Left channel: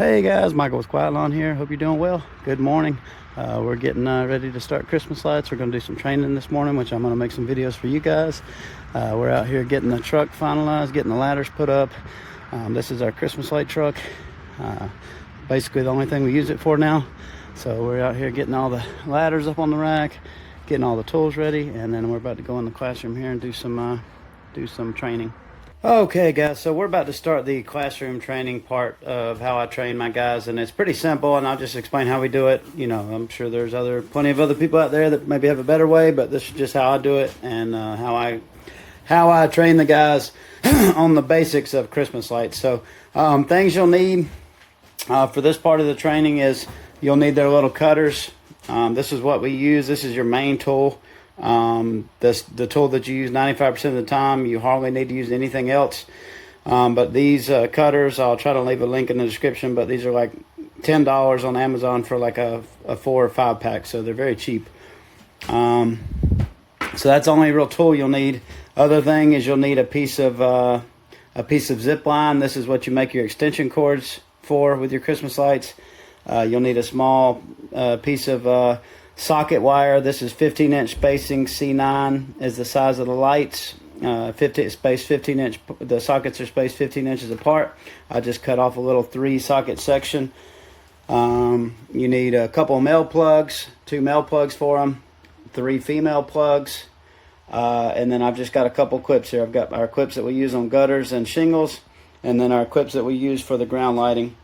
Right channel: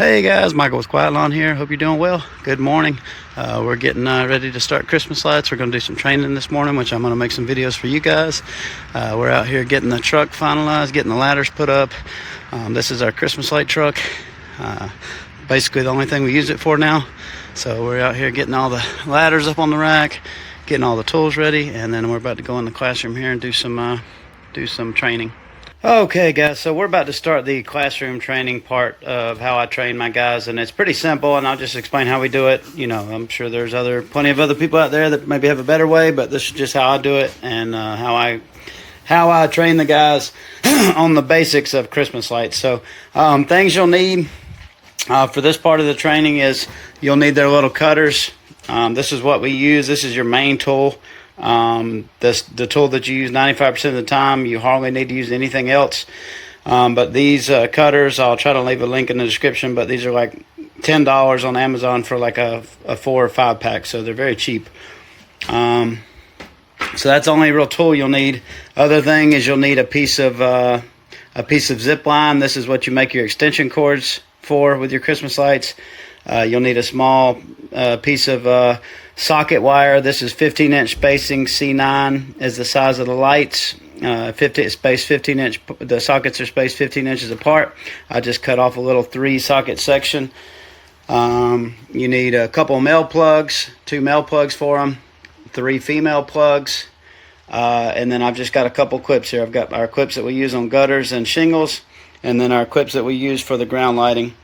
Hey guys, Michael with Quiet Lawn here. Hope you're doing well. Good morning. We're getting ready to start Christmas lights. We're going to do some training this morning, which I'm going to make some videos for you guys. We're out here getting the truck finalized, getting the ladders put up. This is our Christmas light truck. Basically the only thing we use it for now. So we're out here getting all the ladders up on the rack, getting all the tools ready, and then we're about to go in the classroom here and do some training. Okay guys, so we're about to start the classroom training part of how I train my guys, and it's pretty simple, and I'll just explain how we do it. You know, I'm sure there's plenty of other people out there that maybe have a better way, but this is just how I do it, and how I train the guys on the basics of Christmas lights. So things you'll need for this part of the training is you'll need their little cutters. This is what we use. This is your main tool. The tool that you use 95% of the time. You hardly need to use anything else. But these cutters, I'll try to leave a link in the description, but these are like $10 on Amazon for like a 4 or 5 pack, so they're very cheap. So that's the only real tool you'll need. Other thing is you'll need a piece of zip line. This is what you make your extension cords for with your Christmas lights. You'll need a small piece of socket wire. This is 15-inch spacing. C9 is the size of the lights. 15 inch. The sockets are spaced 15 inches apart. I just cut off a little 3-socket section. You need a couple of male plugs, 2 male plugs for them, 3 female plugs, and then I've just got a couple clips here. I've got our clips that we use on gutters and shingles, and then our clips that we use for the ground lighting.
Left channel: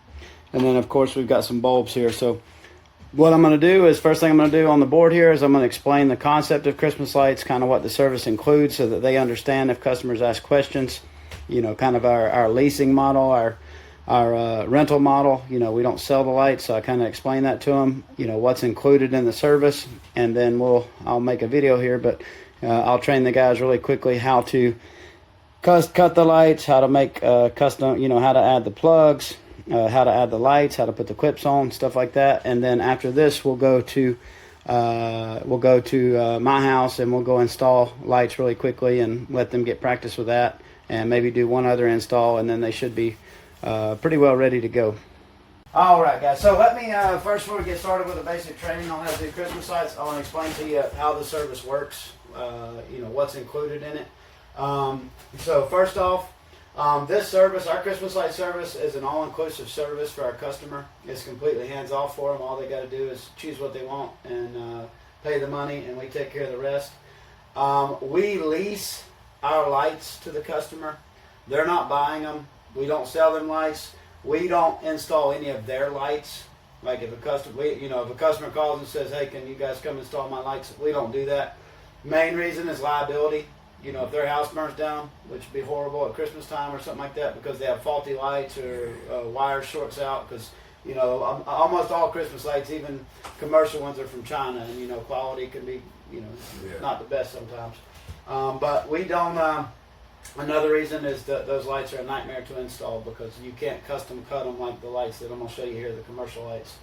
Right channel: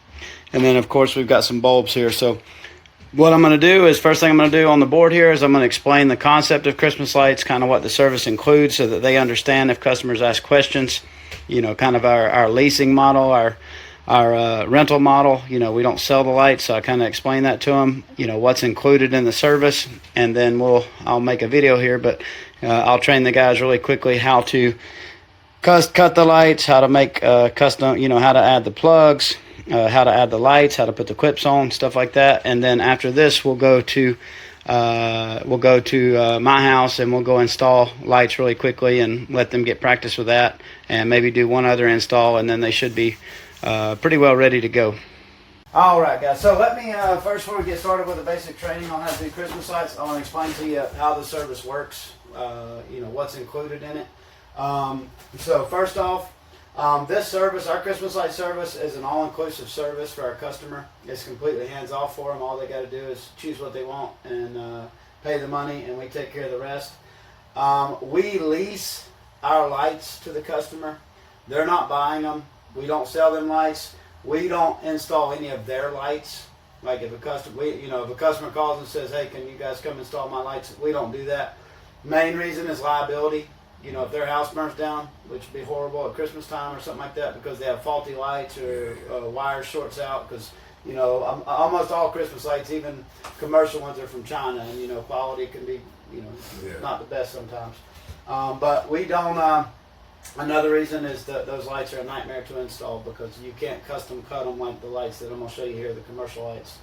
And then, of course, we've got some bulbs here. So what I'm going to do is, first thing I'm going to do on the board here is I'm going to explain the concept of Christmas lights, kind of what the service includes so that they understand if customers ask questions. You know, kind of our leasing model, our rental model. You know, we don't sell the lights, so I kind of explain that to them, you know, what's included in the service. And then I'll make a video here, but I'll train the guys really quickly how to cut the lights, how to make custom, you know, how to add the plugs, how to add the lights, how to put the clips on, stuff like that. And then after this, we'll go to my house and we'll go install lights really quickly and let them get practice with that, and maybe do one other install, and then they should be pretty well ready to go. All right, guys. So let me first, before we get started with the basic training on how to do Christmas lights, I want to explain to you how the service works. You know, what's included in it. So first off, this service, our Christmas light service, is an all-inclusive service for our customer. It's completely hands-off for them. All they got to do is choose what they want and pay the money, and we take care of the rest. We lease our lights to the customer. They're not buying them. We don't sell them lights. We don't install any of their lights. Like if a customer calls and says, "Hey, can you guys come install my lights?" We don't do that. Main reason is liability. You know, if their house burns down, which would be horrible at Christmas time or something like that, because they have faulty lights or wire shorts out, because, you know, almost all Christmas lights, even commercial ones, are from China, and, you know, quality can be, you know, not the best sometimes. But we don't, another reason is that those lights are a nightmare to install because you can't custom cut them like the lights that I'm going to show you here, the commercial lights.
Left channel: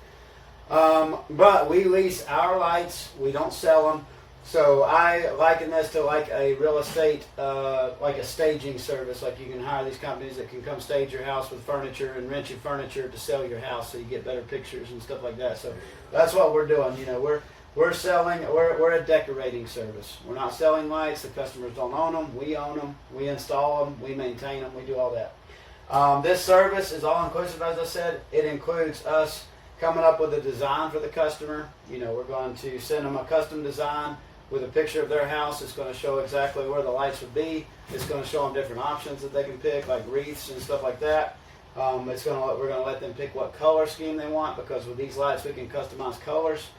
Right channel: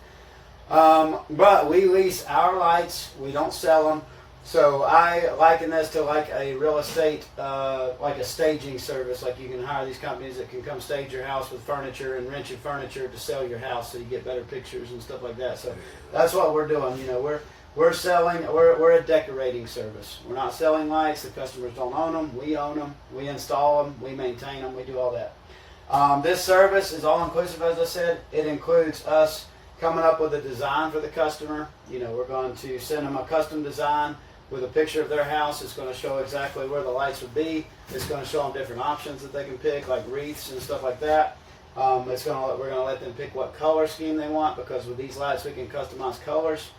But we lease our lights, we don't sell them. So I liken this to like a real estate, like a staging service. Like you can hire these companies that can come stage your house with furniture and rent you furniture to sell your house, so you get better pictures and stuff like that. So that's what we're doing. You know, we're selling. We're a decorating service. We're not selling lights. The customers don't own them. We own them. We install them. We maintain them. We do all that. This service is all inclusive, as I said. It includes us coming up with a design for the customer. You know, we're going to send them a custom design with a picture of their house. It's going to show exactly where the lights would be. It's going to show them different options that they can pick, like wreaths and stuff like that. We're going to let them pick what color scheme they want, because with these lights we can customize colors.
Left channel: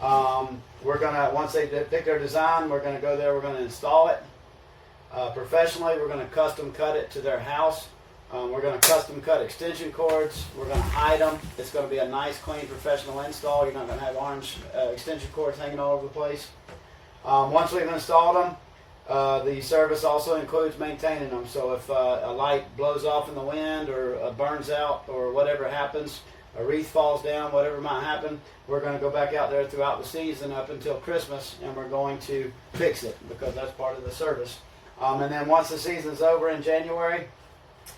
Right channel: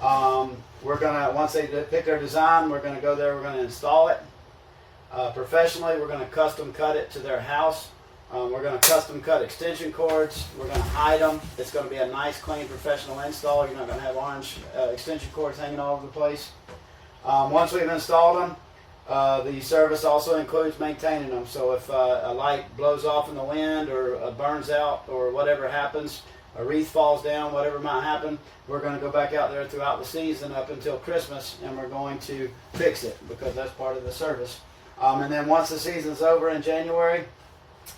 Once they pick their design, we're going to go there. We're going to install it professionally. We're going to custom cut it to their house. We're going to custom cut extension cords. We're going to hide them. It's going to be a nice, clean, professional install. You're not going to have orange extension cords hanging all over the place. Once we've installed them, the service also includes maintaining them. So if a light blows off in the wind or burns out or whatever happens, a wreath falls down, whatever might happen, we're going to go back out there throughout the season up until Christmas, and we're going to fix it, because that's part of the service. And then once the season's over in January,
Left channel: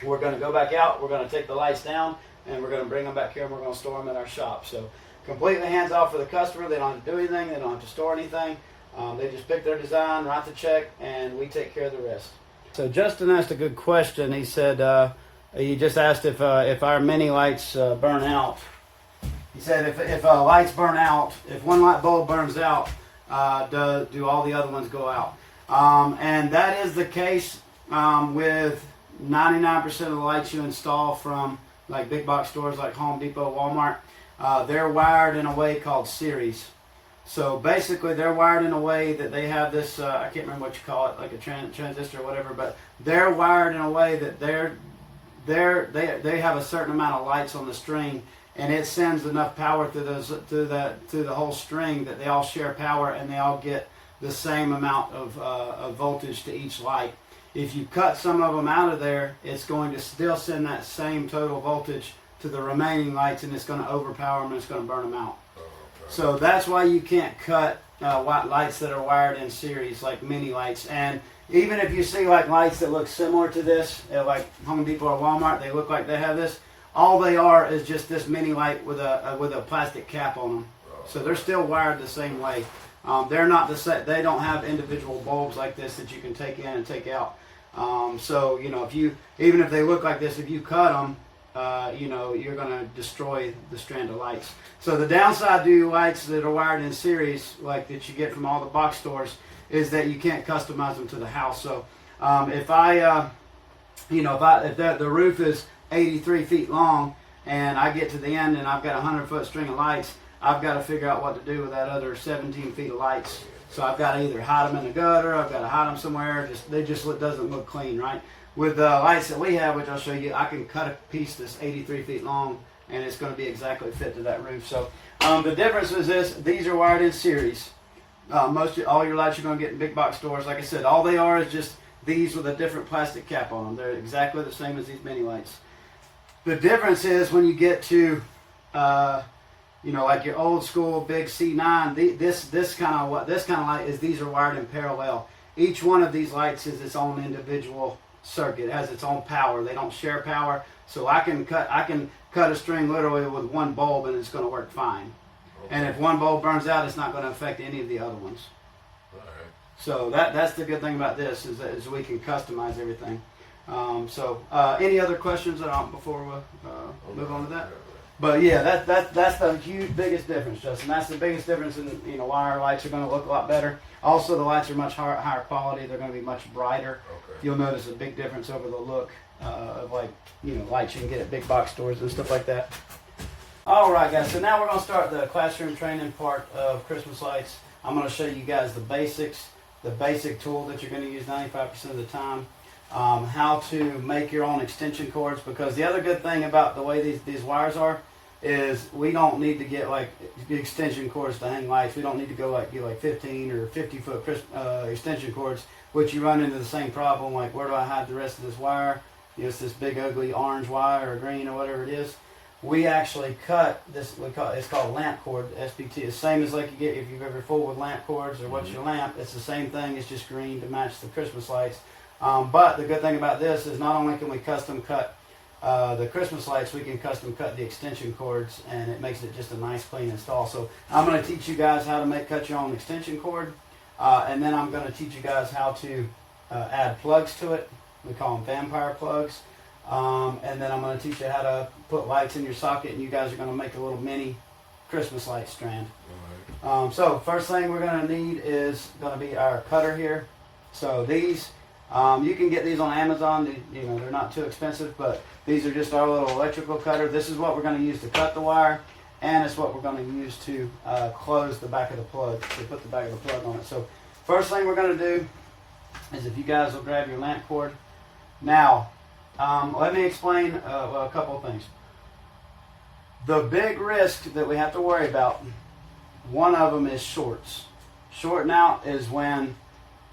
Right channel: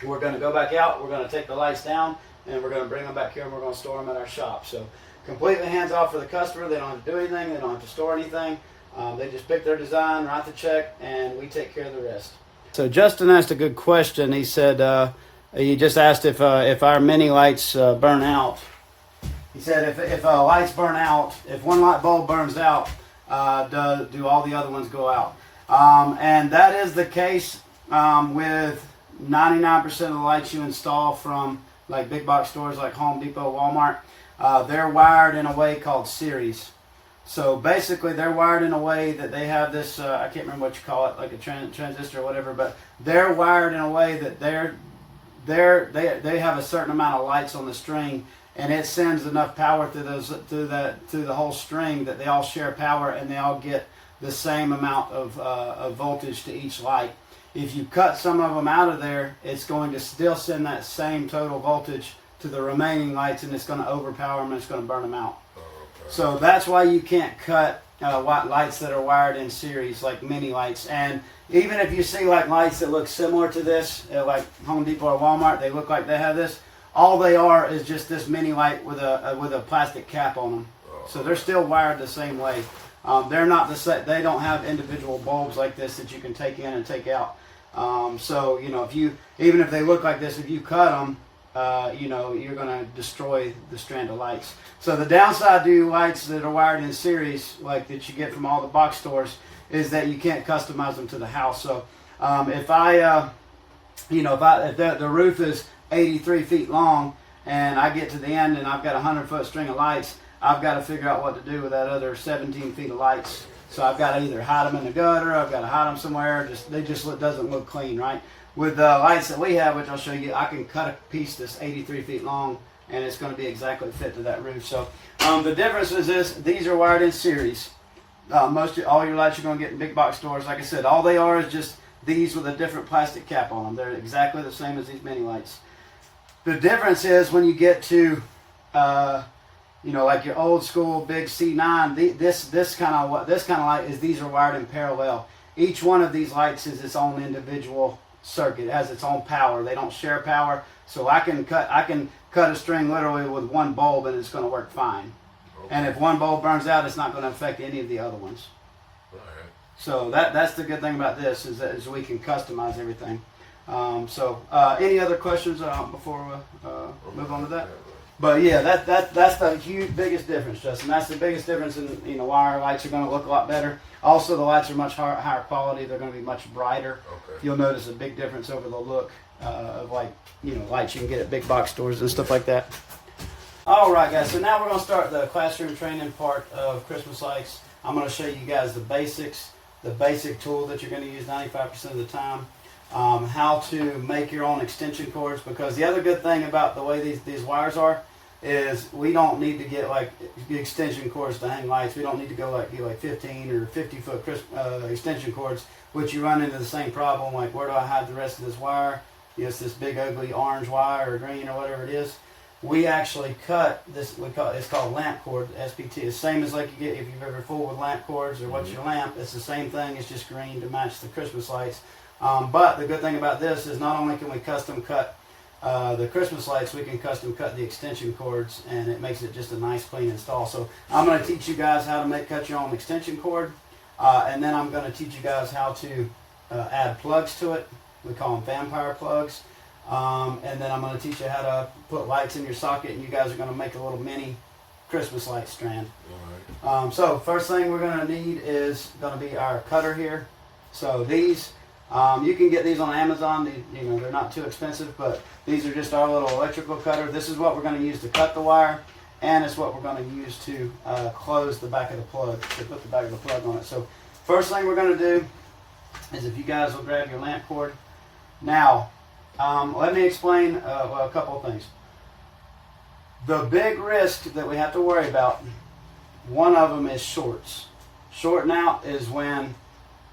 we're going to go back out. We're going to take the lights down and we're going to bring them back here and we're going to store them at our shop. So completely hands off for the customer. They don't have to do anything. They don't have to store anything. They just pick their design, write the check, and we take care of the rest. So Justin asked a good question. He said, he just asked if our mini lights burn out. He said if lights burn out, if one light bulb burns out, do all the other ones go out? And that is the case with 99% of the lights you install from like big box stores like Home Depot, Walmart. They're wired in a way called series. So basically they're wired in a way that they have this, I can't remember what you call it, like a transistor or whatever, but they're wired in a way that they have a certain amount of lights on the string, and it sends enough power through the whole string that they all share power and they all get the same amount of voltage to each light. If you cut some of them out of there, it's going to still send that same total voltage to the remaining lights, and it's going to overpower them and it's going to burn them out. So that's why you can't cut lights that are wired in series, like mini lights. And even if you see like lights that look similar to this, like Home Depot or Walmart, they look like they have this. All they are is just this mini light with a plastic cap on them. So they're still wired the same way. They're not the same. They don't have individual bulbs like this that you can take in and take out. So you know, even if they look like this, if you cut them, you know, you're going to destroy the strand of lights. So the downside to lights that are wired in series, like that you get from all the box stores, is that you can't customize them to the house. So if the roof is 83 feet long and I get to the end and I've got a 100-foot string of lights, I've got to figure out what to do with that other 17 feet of lights. So I've got to either hide them in the gutter, I've got to hide them somewhere. They just doesn't look clean, right? With the lights that we have, which I'll show you, I can cut a piece that's 83 feet long, and it's going to be exactly fit to that roof. So the difference is this: these are wired in series. All your lights you're going to get in big box stores, like I said, all they are is just these with a different plastic cap on them. They're exactly the same as these mini lights. The difference is when you get to like your old school big C9, this kind of light is, these are wired in parallel. Each one of these lights is its own individual circuit. It has its own power. They don't share power. So I can cut a string literally with one bulb and it's going to work fine. Okay. And if one bulb burns out, it's not going to affect any of the other ones. All right. So that's the good thing about this is we can customize everything. Any other questions before we move on to that? But yeah, that's the biggest difference, Justin. That's the biggest difference in why our lights are going to look a lot better. Also, the lights are much higher quality. They're going to be much brighter. Okay. You'll notice a big difference over the look of lights you can get at big box stores and stuff like that. All right, guys. So now we're going to start the classroom training part of Christmas lights. I'm going to show you guys the basics, the basic tool that you're going to use 95% of the time. How to make your own extension cords, because the other good thing about the way these wires are is we don't need to get like extension cords to hang lights. We don't need to go get 15 or 50 foot extension cords, which you run into the same problem, like where do I hide the rest of this wire? It's this big ugly orange wire or green or whatever it is. We actually cut this, it's called lamp cord, SPT. It's the same as like you get if you've ever fooled with lamp cords or what's your lamp. It's the same thing, it's just green to match the Christmas lights. But the good thing about this is not only can we custom cut the Christmas lights, we can custom cut the extension cords, and it makes it just a nice clean install. So I'm going to teach you guys how to cut your own extension cord, and then I'm going to teach you guys how to add plugs to it. We call them vampire plugs. And then I'm going to teach you how to put lights in your socket, and you guys are going to make a little mini Christmas light strand. All right. So first thing we're going to need is going to be our cutter here. So these, you can get these on Amazon. They're not too expensive, but these are just our little electrical cutter. This is what we're going to use to cut the wire, and it's what we're going to use to close the back of the plug, to put the back of the plug on it. So first thing we're going to do is, if you guys will grab your lamp cord. Now, let me explain a couple of things. The big risk that we have to worry about, one of them is shorts. Shorting out is when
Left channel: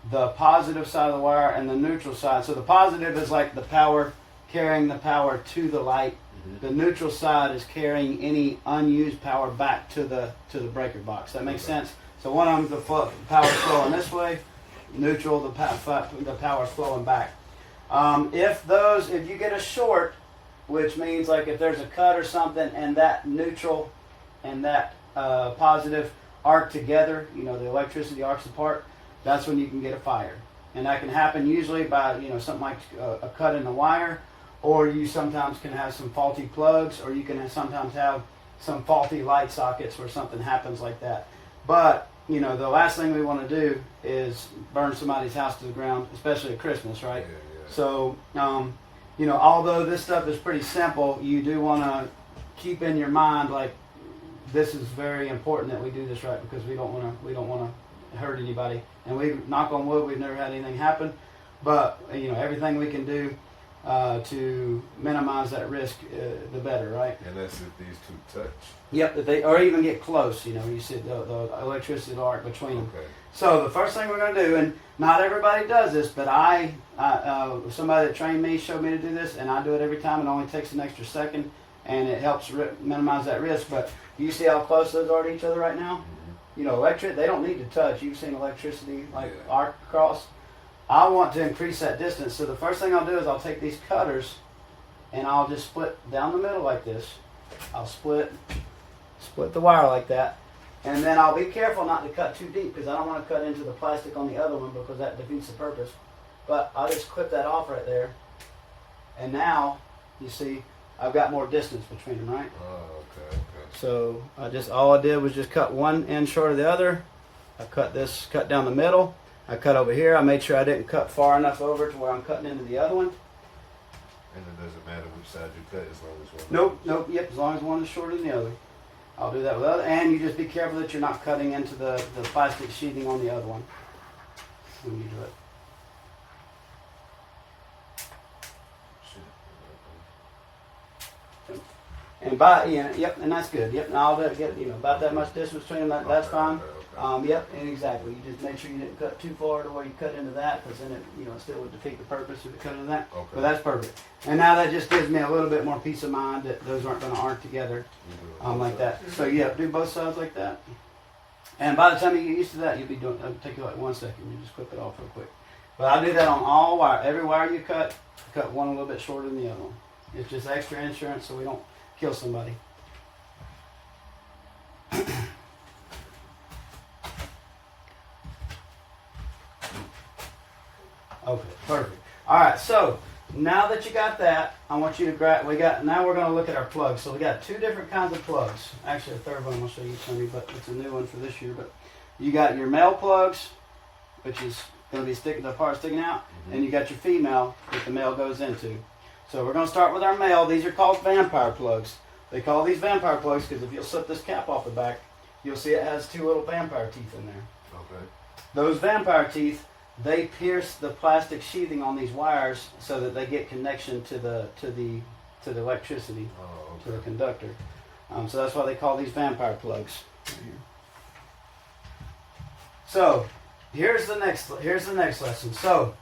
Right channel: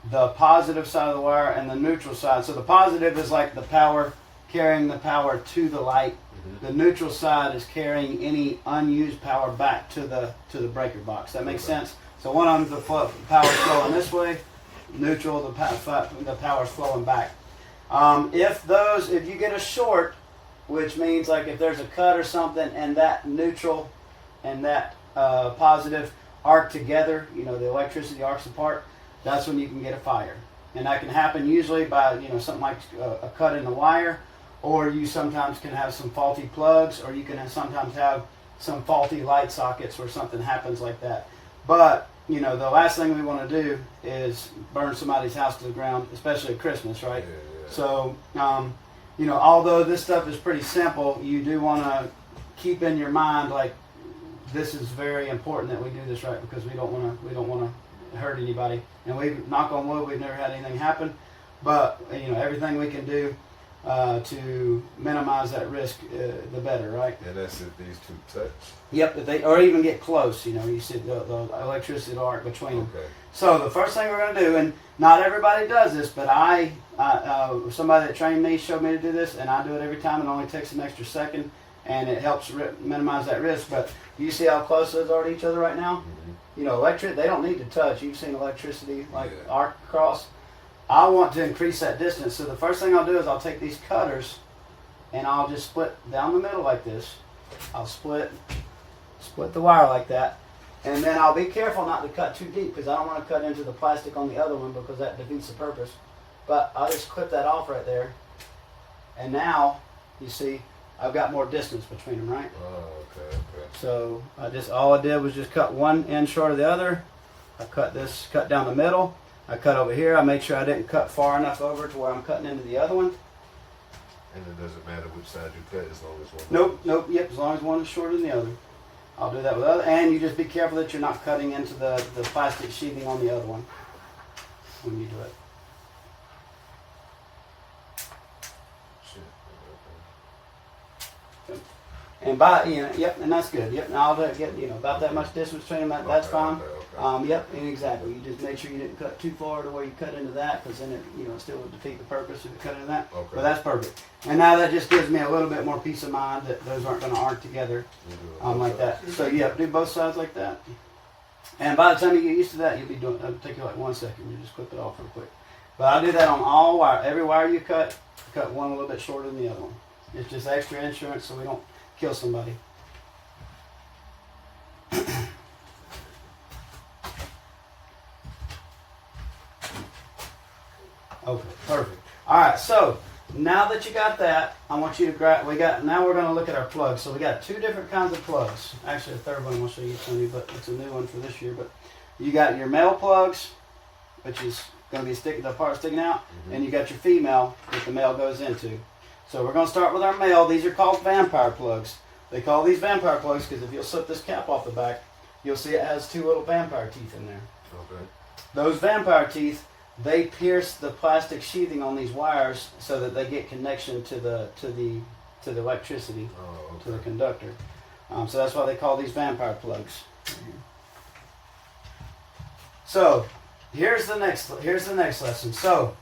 the positive side of the wire and the neutral side. So the positive is like the power, carrying the power to the light. Mm-hmm. The neutral side is carrying any unused power back to the breaker box. That makes sense? So one of them, the power is flowing this way. Neutral, the power is flowing back. If you get a short which means like if there's a cut or something and that neutral and that positive arc together, you know, the electricity arcs apart, that's when you can get a fire. And that can happen usually by, you know, something like a cut in the wire, or you sometimes can have some faulty plugs, or you can sometimes have some faulty light sockets where something happens like that. But, you know, the last thing we want to do is burn somebody's house to the ground, especially at Christmas, right? Yeah. So, you know, although this stuff is pretty simple, you do want to keep in your mind, like, this is very important that we do this right, because we don't want to hurt anybody. And we, knock on wood, we've never had anything happen. But, you know, everything we can do to minimize that risk, the better, right? And that's if these two touch? Yep, if they, or even get close, you know, you see the electricity arc between them. Okay. So the first thing we're going to do, and not everybody does this, but somebody that trained me showed me to do this, and I do it every time. It only takes an extra second, and it helps minimize that risk. But you see how close those are to each other right now? Mm-hmm. You know, they don't need to touch. You've seen electricity arc across. I want to increase that distance. So the first thing I'll do is I'll take these cutters, and I'll just split down the middle like this. I'll split the wire like that. And then I'll be careful not to cut too deep, because I don't want to cut into the plastic on the other one, because that defeats the purpose. But I'll just clip that off right there. And now, you see, I've got more distance between them, right? Oh, okay. So all I did was just cut one end short of the other. I cut down the middle. I cut over here. I made sure I didn't cut far enough over to where I'm cutting into the other one. And it doesn't matter which side you cut as long as one. Nope. Yep, as long as one is shorter than the other. I'll do that with other, and you just be careful that you're not cutting into the plastic sheathing on the other one when you do it. And and that's good. Yep, and I'll get about that much distance between them. That's fine. Okay. Yep, and exactly. You just make sure you didn't cut too far to where you cut into that, because then it still would defeat the purpose if you cut into that. Okay. But that's perfect. And now that just gives me a little bit more peace of mind that those aren't going to arc together like that. So yeah, do both sides like that. And by the time you get used to that, you'll be doing. It'll take you like 1 second. You just clip it off real quick. But I do that on all wire. Every wire you cut one a little bit shorter than the other one. It's just extra insurance, so we don't kill somebody. Okay, perfect. All right, so now that you got that, I want you to grab. Now we're going to look at our plugs. So we got two different kinds of plugs. Actually, a third one I'll show you, Tony, but it's a new one for this year. But you got your male plugs, which is going to be the part sticking out, and you got your female that the male goes into. So we're going to start with our male. These are called vampire plugs. They call these vampire plugs because if you'll slip this cap off the back, you'll see it has two little vampire teeth in there. Okay. Those vampire teeth, they pierce the plastic sheathing on these wires so that they get connection to the electricity, to the conductor. So that's why they call these vampire plugs. So here's the next lesson. So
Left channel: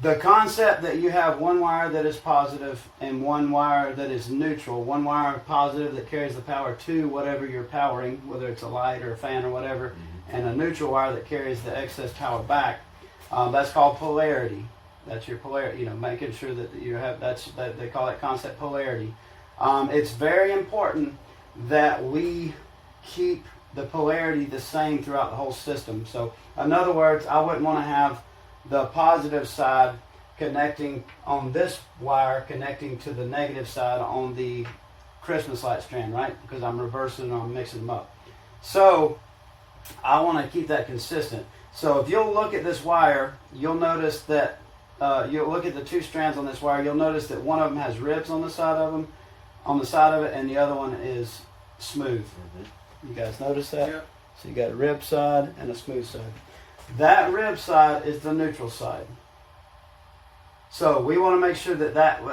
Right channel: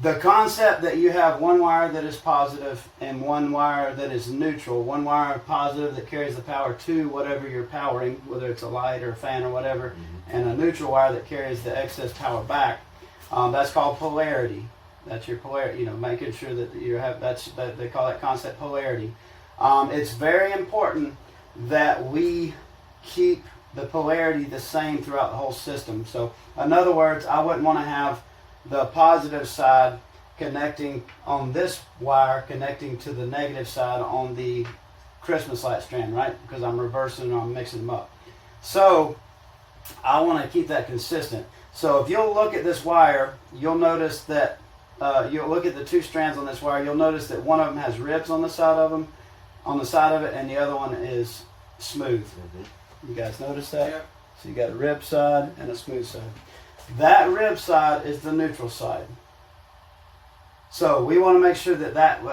the concept that you have one wire that is positive and one wire that is neutral, one wire positive that carries the power to whatever you're powering, whether it's a light or a fan or whatever, and a neutral wire that carries the excess power back. That's called polarity. That's your polarity. Making sure that you have they call that concept polarity. It's very important that we keep the polarity the same throughout the whole system. So, in other words, I wouldn't want to have the positive side connecting on this wire connecting to the negative side on the Christmas light strand, right? Because I'm reversing and I'm mixing them up. So I want to keep that consistent. So if you'll look at this wire, you'll notice that you'll look at the two strands on this wire. You'll notice that one of them has ribs on the side of it, and the other one is smooth. You guys notice that? Yep. So you got a rib side and a smooth side. That rib side is the neutral side. So we want to make sure that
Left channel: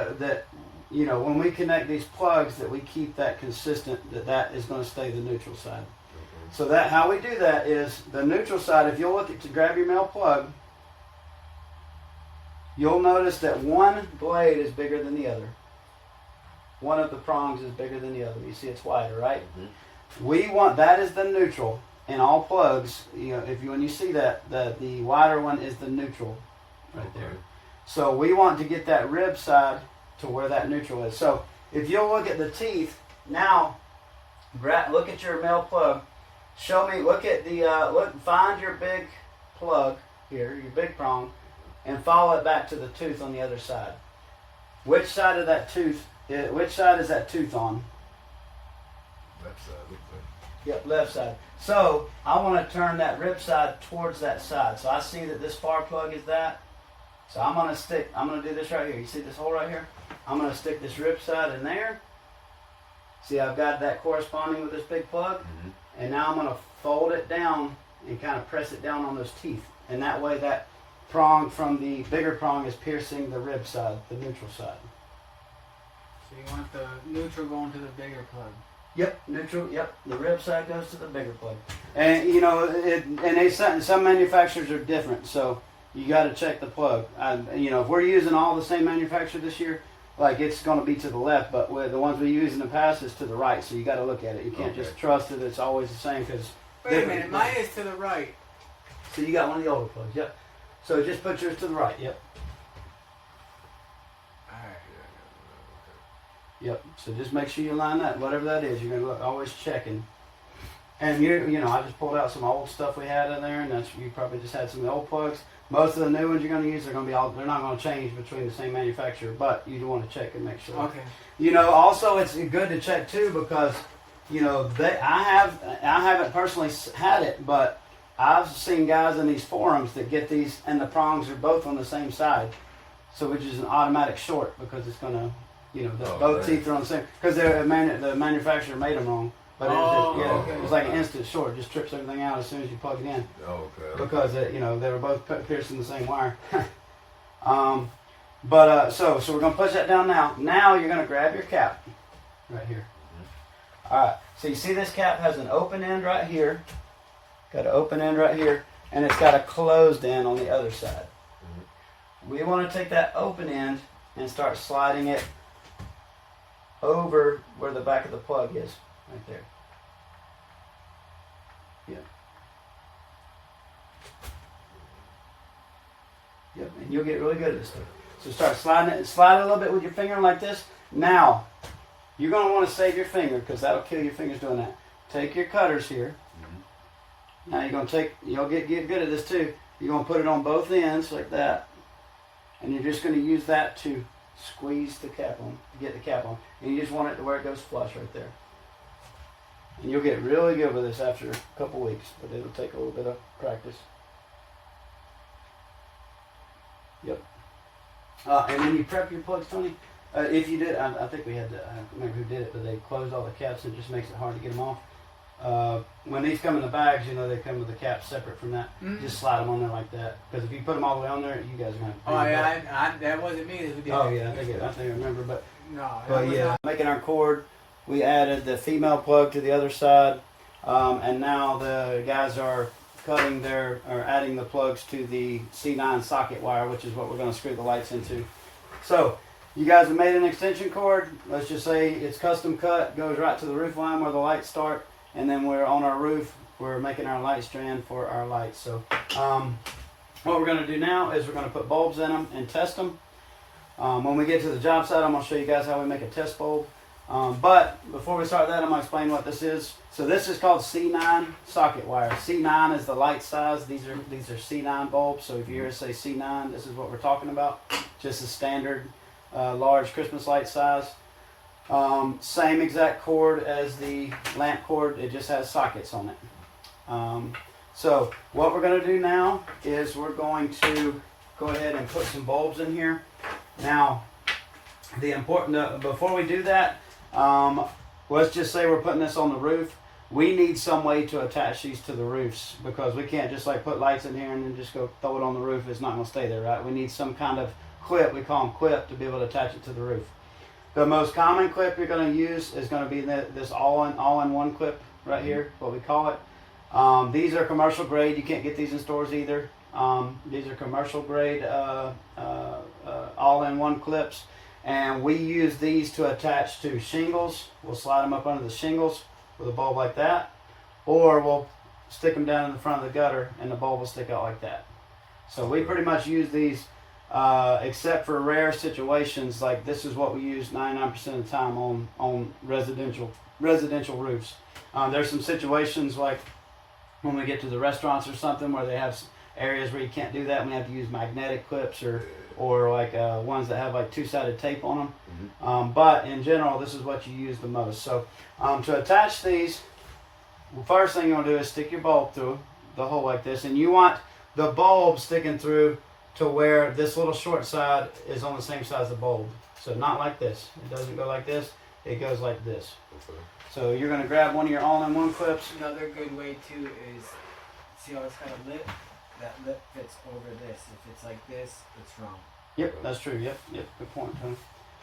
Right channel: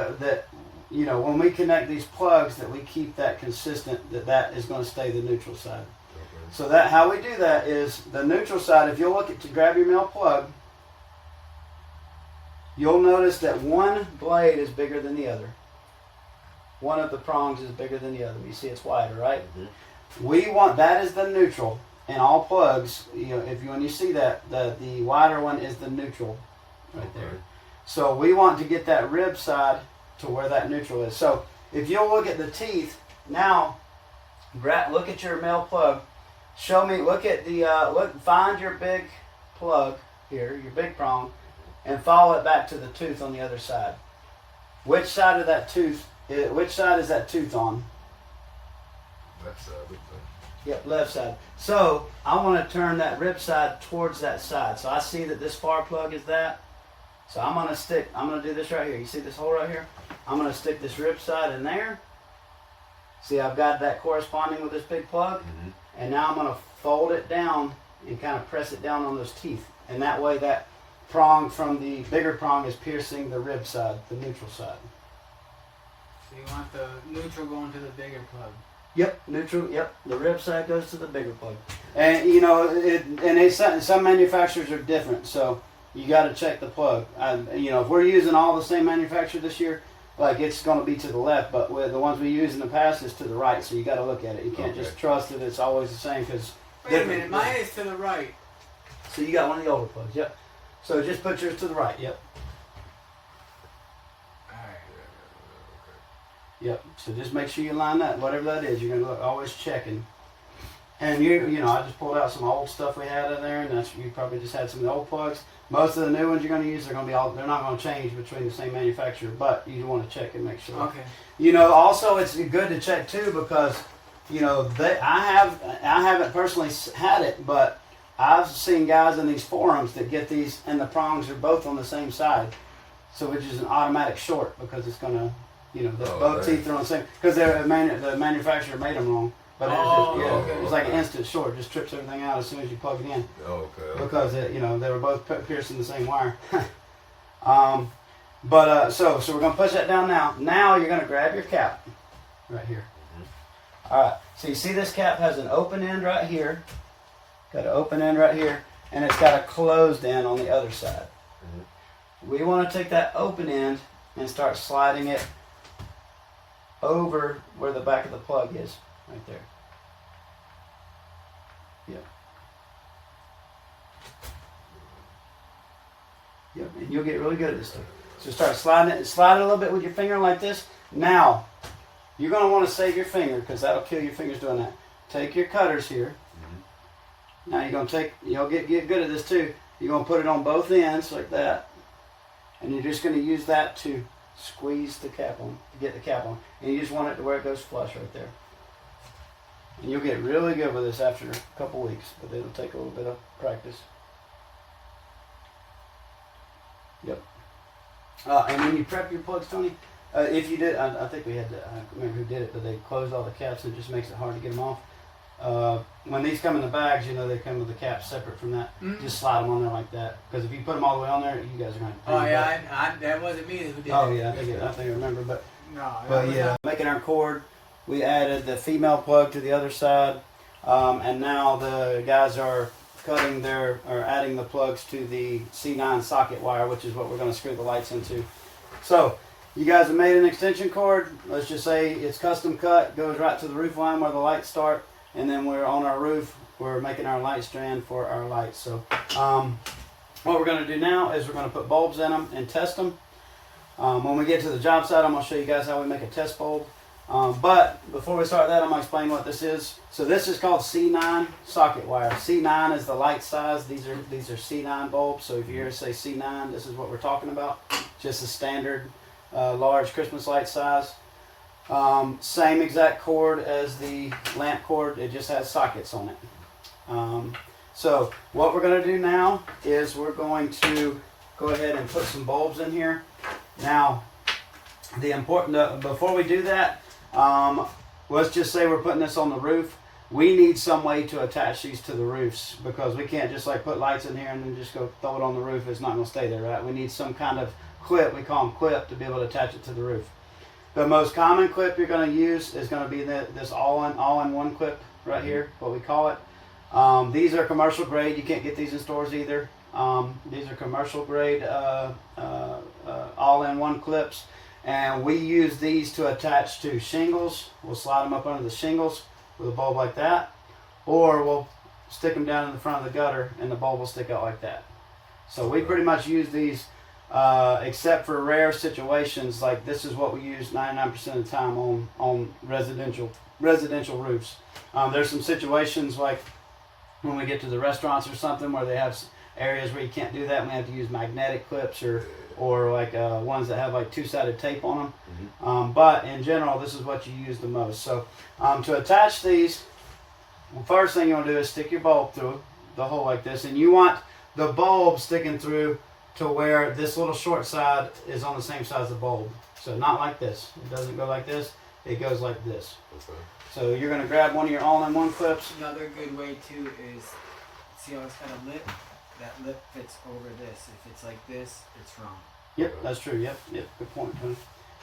when we connect these plugs, that we keep that consistent. That is going to stay the neutral side. Okay. So that how we do that is the neutral side. If you'll look to grab your male plug, you'll notice that one blade is bigger than the other. One of the prongs is bigger than the other. You see, it's wider, right? We want that is the neutral. In all plugs, when you see that, the wider one is the neutral right there. So we want to get that rib side to where that neutral is. So if you'll look at the teeth now, look at your male plug. Show me. Look at the Find your big plug here, your big prong, and follow it back to the tooth on the other side. Which side of that tooth? Which side is that tooth on? Left side. Yep, left side. So I want to turn that rib side towards that side. So I see that this far plug is that. So I'm going to do this right here. You see this hole right here? I'm going to stick this rib side in there. See, I've got that corresponding with this big plug. Mm-hmm. And now I'm going to fold it down and kind of press it down on those teeth. And that way that prong from the bigger prong is piercing the rib side, the neutral side. So you want the neutral going to the bigger plug. Yep, neutral. Yep, the rib side goes to the bigger plug, and you know, some manufacturers are different, so you got to check the plug. If we're using all the same manufacturer this year, like it's going to be to the left, but with the ones we used in the past is to the right. So you got to look at it. You can't just trust that it's always the same because. Wait a minute, mine is to the right. So you got one of the older plugs. Yep. So just put yours to the right. Yep. Yep. So just make sure you line that, whatever that is. You're gonna always checking. And I just pulled out some old stuff we had in there, and you probably just had some of the old plugs. Most of the new ones you're gonna use, they're not gonna change between the same manufacturer, but you want to check and make sure. Okay. Also it's good to check too because, I haven't personally had it, but I've seen guys in these forums that get these, and the prongs are both on the same side, so which is an automatic short because it's gonna. Both teeth are on the same, because the manufacturer made them wrong. But it was like an instant short, just trips everything out as soon as you plug it in. Okay. Because they were both piercing the same wire. So we're gonna push that down now. Now you're gonna grab your cap, right here. Mm-hmm. All right. So you see this cap has an open end right here, got an open end right here, and it's got a closed end on the other side. Mm-hmm. We want to take that open end and start sliding it over where the back of the plug is, right there. Yep. Yep, and you'll get really good at this stuff. So start sliding it, slide it a little bit with your finger like this. Now, you're going to want to save your finger because that'll kill your fingers doing that. Take your cutters here. Mm-hmm. Now you're going to you'll get good at this too. You're going to put it on both ends like that. And you're just going to use that to squeeze the cap on, get the cap on. And you just want it to where it goes flush right there. And you'll get really good with this after a couple weeks, but it'll take a little bit of practice. Yep. And when you prep your plugs, Tony, if you did, I think we had to, I don't remember who did it, but they closed all the caps and it just makes it hard to get them off. When these come in the bags, they come with the caps separate from that. Mm-hmm. Just slide them on there like that. Because if you put them all the way on there, you guys are going to. Oh yeah, that wasn't me who did it. Oh yeah, I think I remember. But yeah, making our cord, we added the female plug to the other side, and now the guys are adding the plugs to the C9 socket wire, which is what we're going to screw the lights into. So you guys have made an extension cord. Let's just say it's custom cut, goes right to the roof line where the lights start. And then we're on our roof, we're making our light strand for our lights. So what we're going to do now is we're going to put bulbs in them and test them. When we get to the job site, I'm going to show you guys how we make a test bulb. But before we start that, I'm going to explain what this is. So this is called C9 socket wire. C9 is the light size. These are C9 bulbs. So if you hear us say C9, this is what we're talking about. Just a standard large Christmas light size. Same exact cord as the lamp cord, it just has sockets on it. So what we're going to do now is we're going to go ahead and put some bulbs in here. Now, before we do that, let's just say we're putting this on the roof. We need some way to attach these to the roofs because we can't just put lights in here and then just go throw it on the roof. It's not going to stay there, right? We need some kind of clip, we call them clip, to be able to attach it to the roof. The most common clip you're going to use is going to be this all-in-one clip right here, what we call it. These are commercial grade. You can't get these in stores either. These are commercial grade all-in-one clips. And we use these to attach to shingles. We'll slide them up under the shingles with a bulb like that. Or we'll stick them down in the front of the gutter and the bulb will stick out like that. So we pretty much use these except for rare situations, like this is what we use 99% of the time on residential roofs. There's some situations like when we get to the restaurants or something where they have areas where you can't do that, and we have to use magnetic clips or like ones that have like two-sided tape on them. But in general, this is what you use the most. So to attach these, the first thing you want to do is stick your bulb through the hole like this, and you want the bulb sticking through to where this little short side is on the same side as the bulb. So not like this. It doesn't go like this. It goes like this. Okay. So you're going to grab one of your all-in-one clips. Another good way too is, see how it's kind of lit? That lip fits over this. If it's like this, it's wrong. Yep, that's true. Yep, good point, Tony.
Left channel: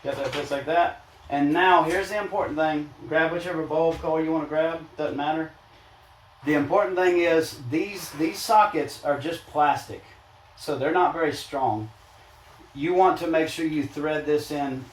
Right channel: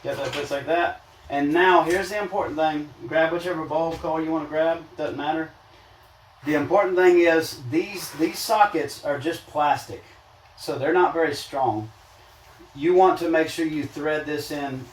Yep, that fits like that. And now here's the important thing. Grab whichever bulb color you want to grab. Doesn't matter. The important thing is these sockets are just plastic, so they're not very strong. You want to make sure you thread this in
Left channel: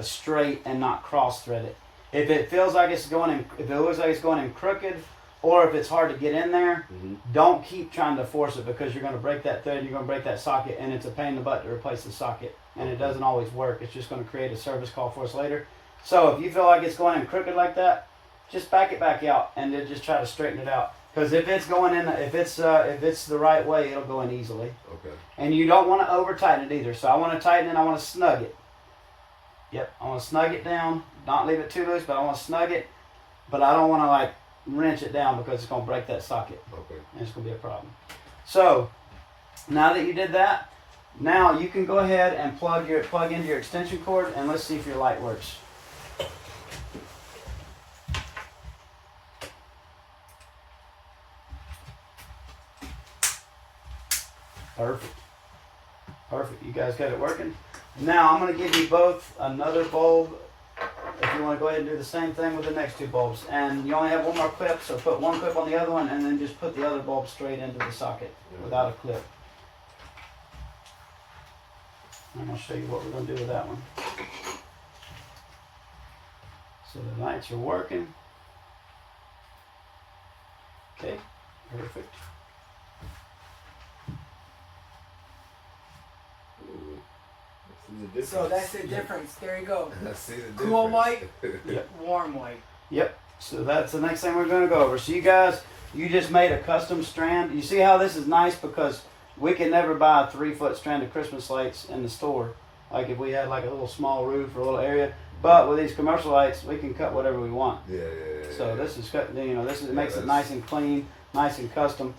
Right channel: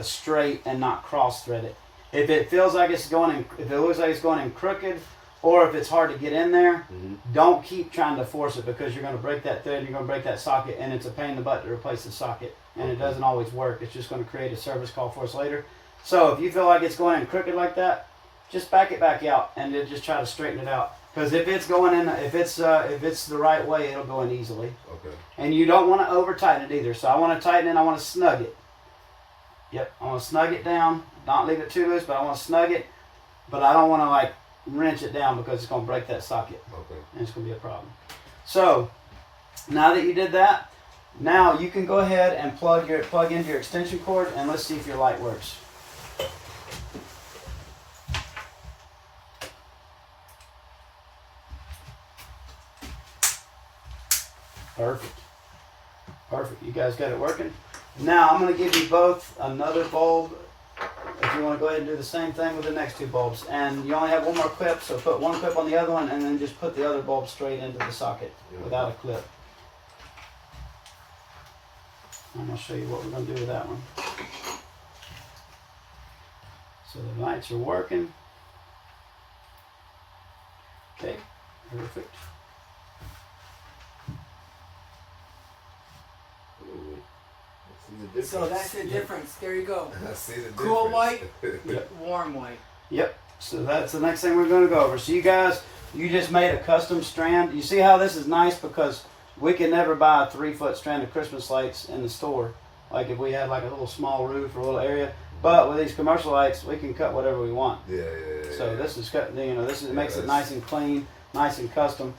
straight and not cross thread it. If it feels like it's going in, if it looks like it's going in crooked, or if it's hard to get in there, don't keep trying to force it, because you're going to break that thread, you're going to break that socket, and it's a pain in the butt to replace the socket. And it doesn't always work. It's just going to create a service call for us later. So if you feel like it's going in crooked like that, just back it back out and then just try to straighten it out. Because if it's going in, if it's the right way, it'll go in easily. Okay. And you don't want to over tighten it either. So I want to tighten it. I want to snug it. Yep, I want to snug it down. Not leave it too loose, but I want to snug it. But I don't want to like wrench it down, because it's going to break that socket. Okay. And it's going to be a problem. So now that you did that, now you can go ahead and plug in your extension cord, and let's see if your light works. Perfect. You guys got it working. Now I'm going to give you both another bulb if you want to go ahead and do the same thing with the next two bulbs. And you only have one more clip, so put one clip on the other one, and then just put the other bulb straight into the socket without a clip. I'm going to show you what we're going to do with that one. So the lights are working. Okay, perfect. So that's the difference. There you go. I see the difference. Cool white, Yep. warm white. Yep. So that's the next thing we're going to go over. So you guys, you just made a custom strand. You see how this is nice, because we can never buy a 3-foot strand of Christmas lights in the store. Like if we had like a little small roof or a little area. But with these commercial lights, we can cut whatever we want. Yeah. So this is cut. You know, this is, makes it nice and clean, nice and custom.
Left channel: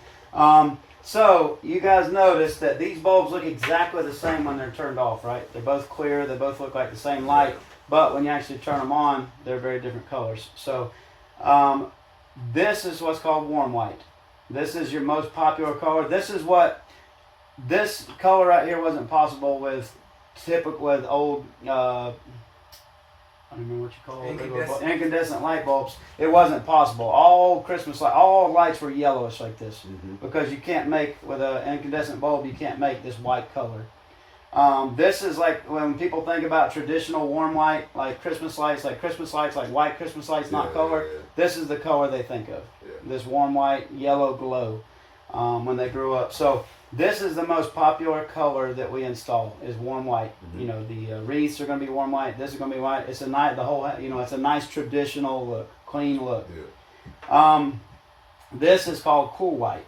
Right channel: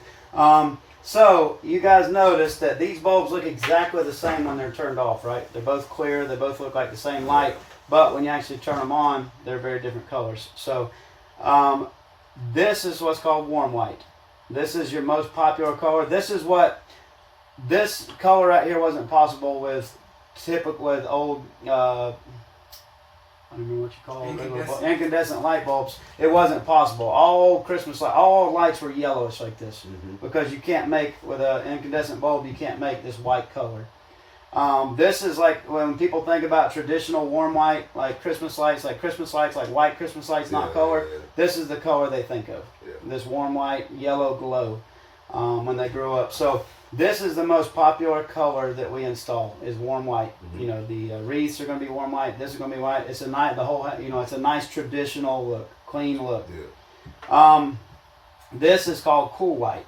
So you guys notice that these bulbs look exactly the same when they're turned off, right? They're both clear. They both look like the same light. But when you actually turn them on, they're very different colors. So this is what's called warm white. This is your most popular color. This color right here wasn't possible with old, I don't remember what you call it. Incandescent light bulbs. It wasn't possible. All lights were yellowish like this, because you can't make, with an incandescent bulb, you can't make this white color. This is like when people think about traditional warm white, like Christmas lights, like white Christmas lights, not color. This is the color they think of. This warm white, yellow glow when they grew up. So this is the most popular color that we install, is warm white. You know, the wreaths are going to be warm white. This is going to be white. It's a nice, it's a nice traditional look, clean look. This is called cool white.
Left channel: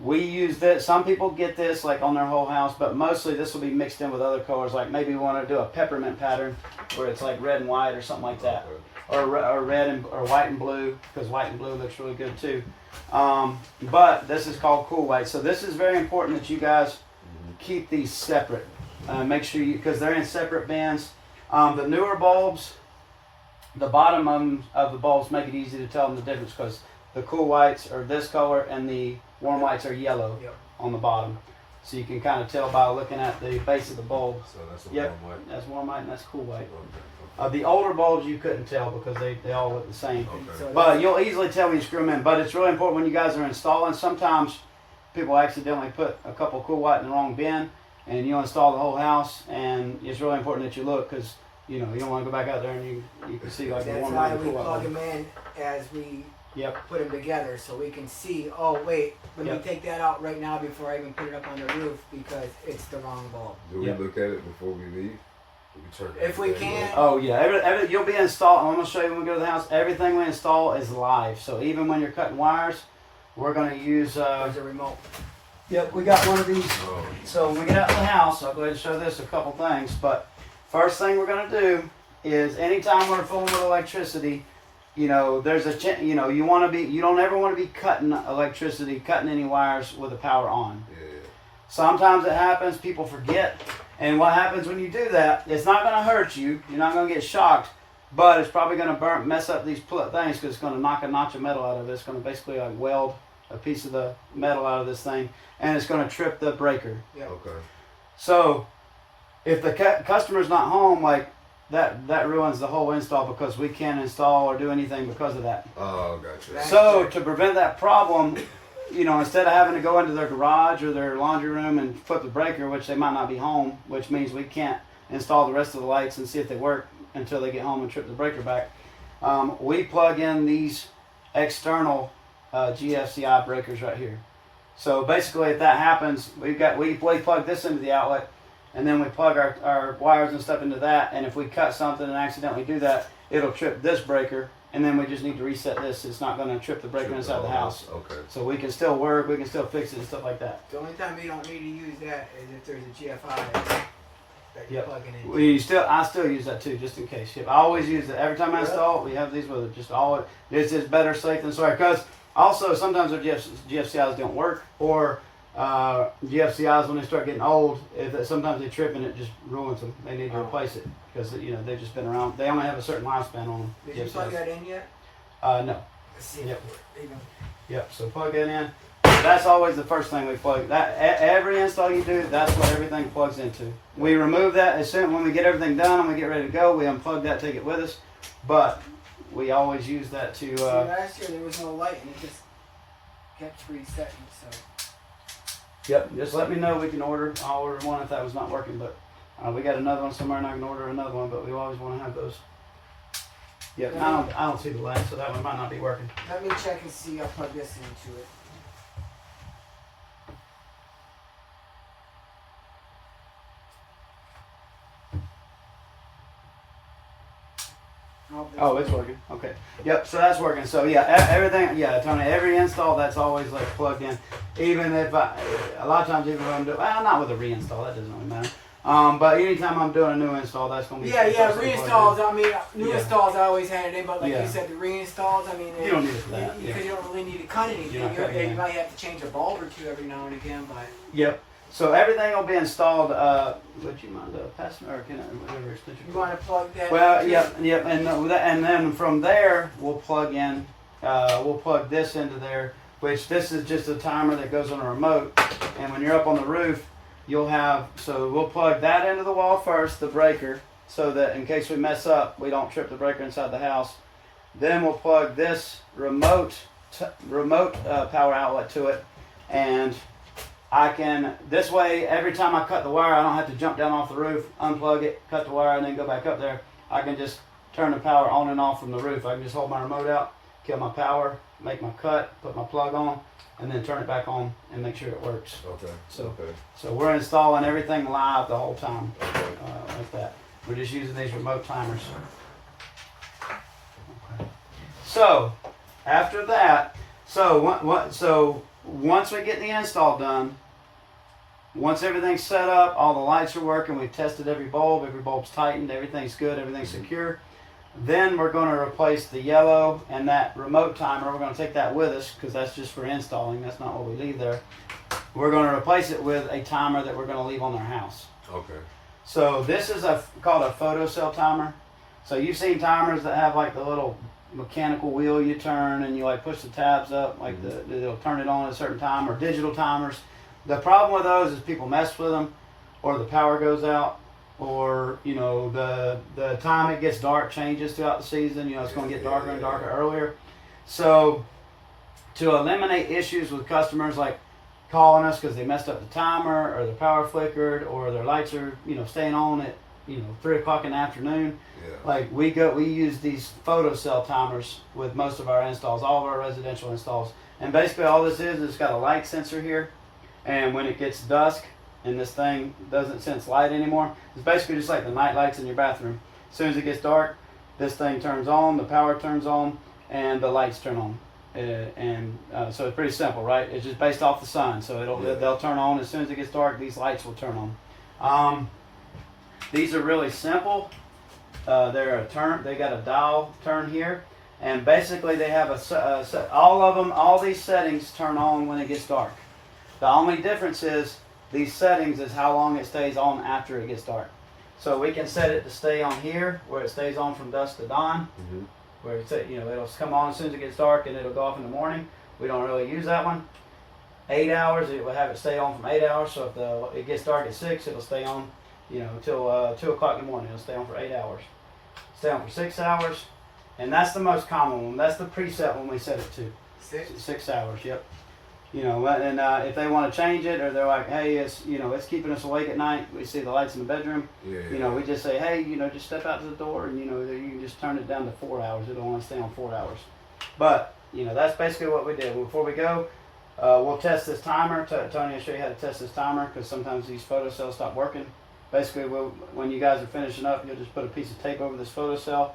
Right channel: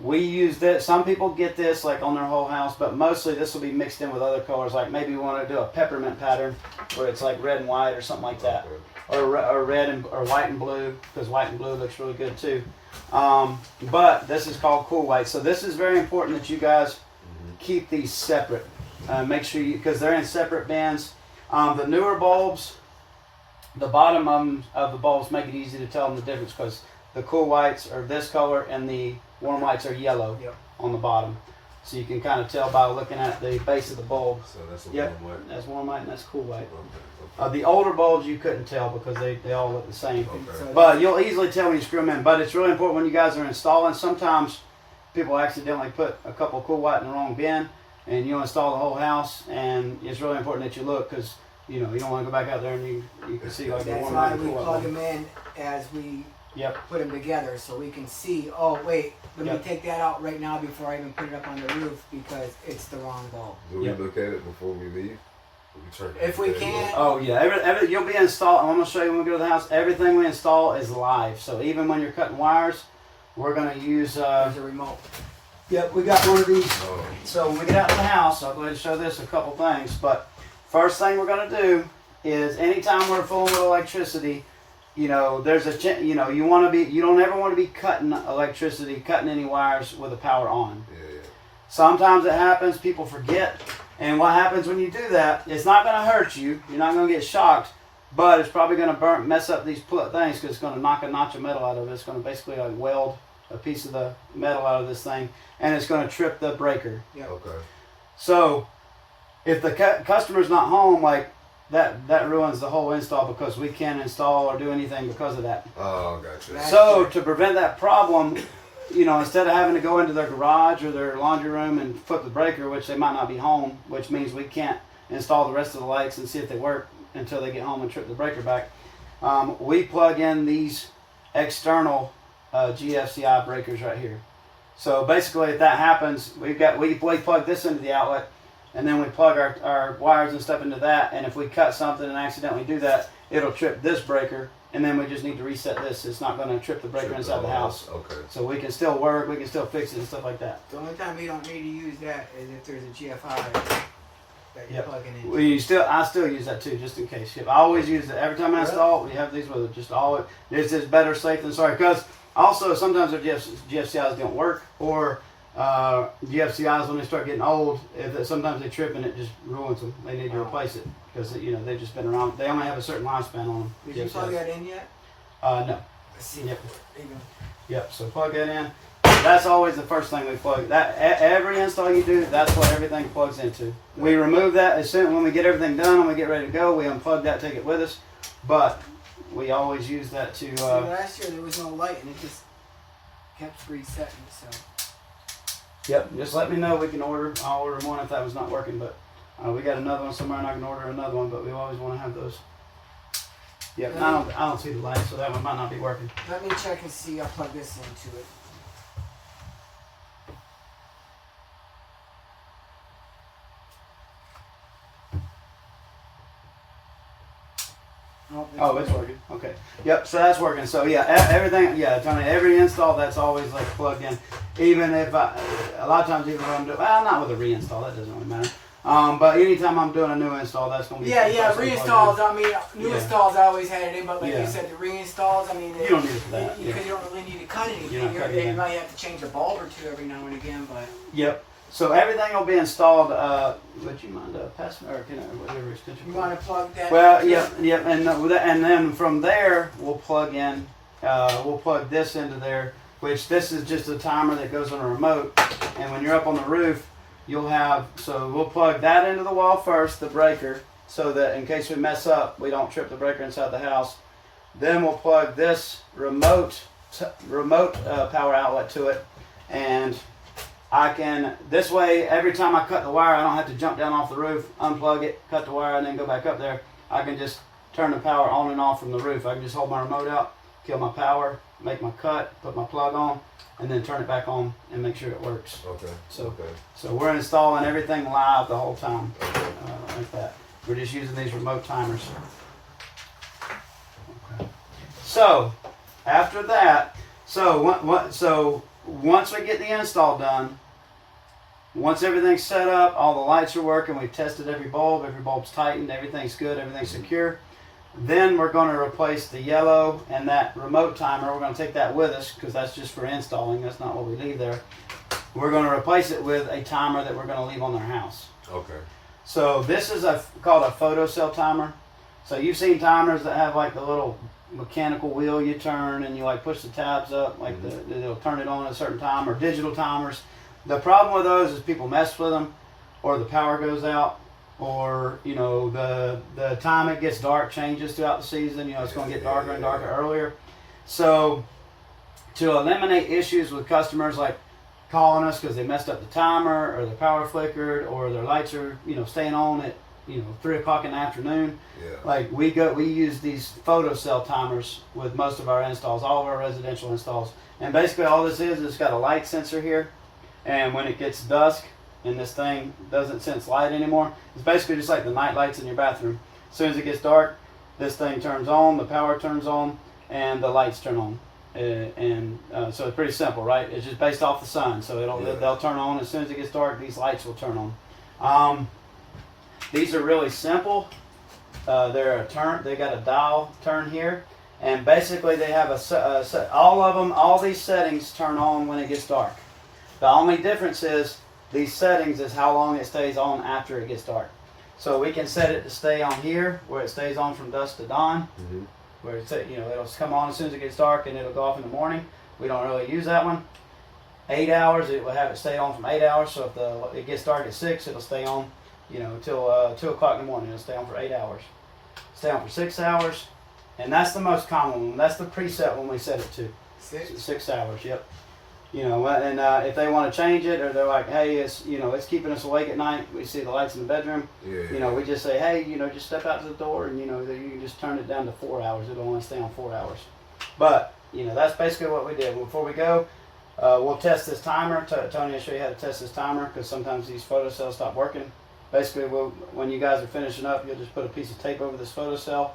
We use this. Some people get this like on their whole house, but mostly this will be mixed in with other colors. Like maybe we want to do a peppermint pattern where it's like red and white or something like that, or red or white and blue, because white and blue looks really good too. But this is called cool white. So this is very important that you guys keep these separate. Make sure because they're in separate bins. The newer bulbs, the bottom of the bulbs make it easy to tell them the difference, because the cool whites are this color and the warm whites are yellow on the bottom. So you can kind of tell by looking at the base of the bulb. So that's warm white. That's warm white and that's cool white. The older bulbs you couldn't tell because they all look the same. But you'll easily tell when you screw them in. But it's really important when you guys are installing. Sometimes people accidentally put a couple of cool white in the wrong bin, and you install the whole house, and it's really important that you look, because you don't want to go back out there and you can see like that's warm why white and we cool plug white. them in as we Yep. put them together so we can see, oh wait, let Yep. me take that out right now before I even put it up on the roof because it's the wrong bulb. Do we Yep. look at it before we leave? Do we turn If we everything can. on? Oh yeah, you'll be installed. I'm gonna show you when we go to the house. Everything we install is live. So even when you're cutting wires, we're gonna use. There's a remote. Yep, we got one of these. Oh, So when we get out of the house, I'll go ahead and show this a couple things. But first thing we're gonna do is anytime we're fooling with electricity, you know, there's a you know you want to be you don't ever want to be cutting electricity, cutting any wires with the power on. yeah. Sometimes it happens, people forget, and what happens when you do that? It's not gonna hurt you. You're not gonna get shocked, but it's probably gonna mess up these things because it's gonna knock a notch of metal out of it. It's gonna basically like weld a piece of the metal out of this thing, and it's going to trip the breaker. Yep. Okay. So if the customer's not home, like that ruins the whole install because we can't install or do anything because of that. Oh, gotcha. Right. So to prevent that problem, you know, instead of having to go into their garage or their laundry room and flip the breaker, which they might not be home, which means we can't install the rest of the lights and see if they work until they get home and trip the breaker back, we plug in these external GFCI breakers right here. So basically, if that happens, we plug this into the outlet, and then we plug our wires and stuff into that. And if we cut something and accidentally do that, it'll trip this breaker, and then we just need to reset this. It's not going to trip the breaker inside the house. Okay. So we can still work, we can still fix it and stuff like that. The only time we don't need to use that is if there's a GFI that you're Yep. plugging in. I still use that too, just in case. Yep. I always use it every time I install. We have these with it. Just always. It's just better safe than sorry. Because also sometimes our GFCIs don't work, or GFCIs when they start getting old, sometimes they trip and it just ruins them. They need to replace it because you know they've just been around. They only have a certain lifespan on them. Did you plug that in yet? No. Let's see. Yep. There you go. Yep. So plug that in. That's always the first thing we plug. That every install you do, that's what everything plugs into. We remove that as soon when we get everything done and we get ready to go. We unplug that, take it with us, but we always use that to. See, last year there was no light and it just kept resetting. So. Yep. Just let me know. We can order. I'll order one if that was not working, but we got another one somewhere and I can order another one. But we always want to have those. Yep. And I don't see the light, so that one might not be working. Let me check and see. I'll plug this into it. Oh, it's working. Okay. Yep. So that's working. So yeah, everything. Yeah, Tony. Every install that's always like plugged in. Even if a lot of times even if I'm doing not with a reinstall, that doesn't really matter. But anytime I'm doing a new install, that's gonna be reinstalls. I mean, new installs I always had it in, but like Yeah. you said, the reinstalls. I mean, You don't need it for that. because you don't really need to cut anything. You're not cutting You it. might have to change a bulb or two every now and again, but. Yep. So everything will be installed. Would you mind passing or can I, whatever extension? You want to plug that? Well, into yep, yep, and then from there we'll plug in. We'll plug this into there, which this is just a timer that goes on a remote. And when you're up on the roof, you'll have. So we'll plug that into the wall first, the breaker, so that in case we mess up, we don't trip the breaker inside the house. Then we'll plug this remote power outlet to it, and I can, this way, every time I cut the wire, I don't have to jump down off the roof, unplug it, cut the wire, and then go back up there. I can just turn the power on and off from the roof. I can just hold my remote out, kill my power, make my cut, put my plug on, and then turn it back on and make sure it works. Okay. So we're installing everything live the whole time, like that. We're just using these remote timers. Okay. So, after that, so once we get the install done, once everything's set up, all the lights are working, we've tested every bulb's tightened, everything's good, everything's secure, then we're going to replace the yellow and that remote timer. We're going to take that with us because that's just for installing. That's not what we leave there. We're going to replace it with a timer that we're going to leave on our house. Okay. So this is called a photo cell timer. So you've seen timers that have like the little mechanical wheel you turn and you like push the tabs up, like they'll turn it on at a certain time, or digital timers. The problem with those is people mess with them, or the power goes out, or you know the time it gets dark changes throughout the season. You know it's going to get darker and darker earlier. So to eliminate issues with customers like calling us because they messed up the timer or the power flickered or their lights are staying on at 3 o'clock in the afternoon. Yeah. Like we use these photocell timers with most of our installs, all of our residential installs. And basically all this is it's got a light sensor here, and when it gets dusk and this thing doesn't sense light anymore, it's basically just like the night lights in your bathroom. As soon as it gets dark, this thing turns on, the power turns on, and the lights turn on. So it's pretty simple, right? It's just based off the sun, so they'll turn on as soon as it gets dark. These lights will turn on. These are really simple. They're a turn. They got a dial turn here, and basically they have all these settings turn on when it gets dark. The only difference is these settings is how long it stays on after it gets dark. So we can set it to stay on here where it stays on from dusk to dawn. Mm-hmm. Where it's, it'll come on as soon as it gets dark and it'll go off in the morning. We don't really use that one. 8 hours, it will have it stay on from 8 hours. So if it gets dark at 6, it'll stay on, till 2 o'clock in the morning. It'll stay on for 8 hours. Stay on for 6 hours, and that's the most common one. That's the preset one we set it to. 6 hours. Yep. And if they want to change it, or they're like, hey, it's keeping us awake at night. We see the lights in the bedroom. Yeah. We just say, hey, just step out to the door, and you can just turn it down to 4 hours. It'll only stay on 4 hours. But that's basically what we did. Before we go, we'll test this timer. Tony will show you how to test this timer, because sometimes these photocells stop working. Basically, when you guys are finishing up, you'll just put a piece of tape over this photocell,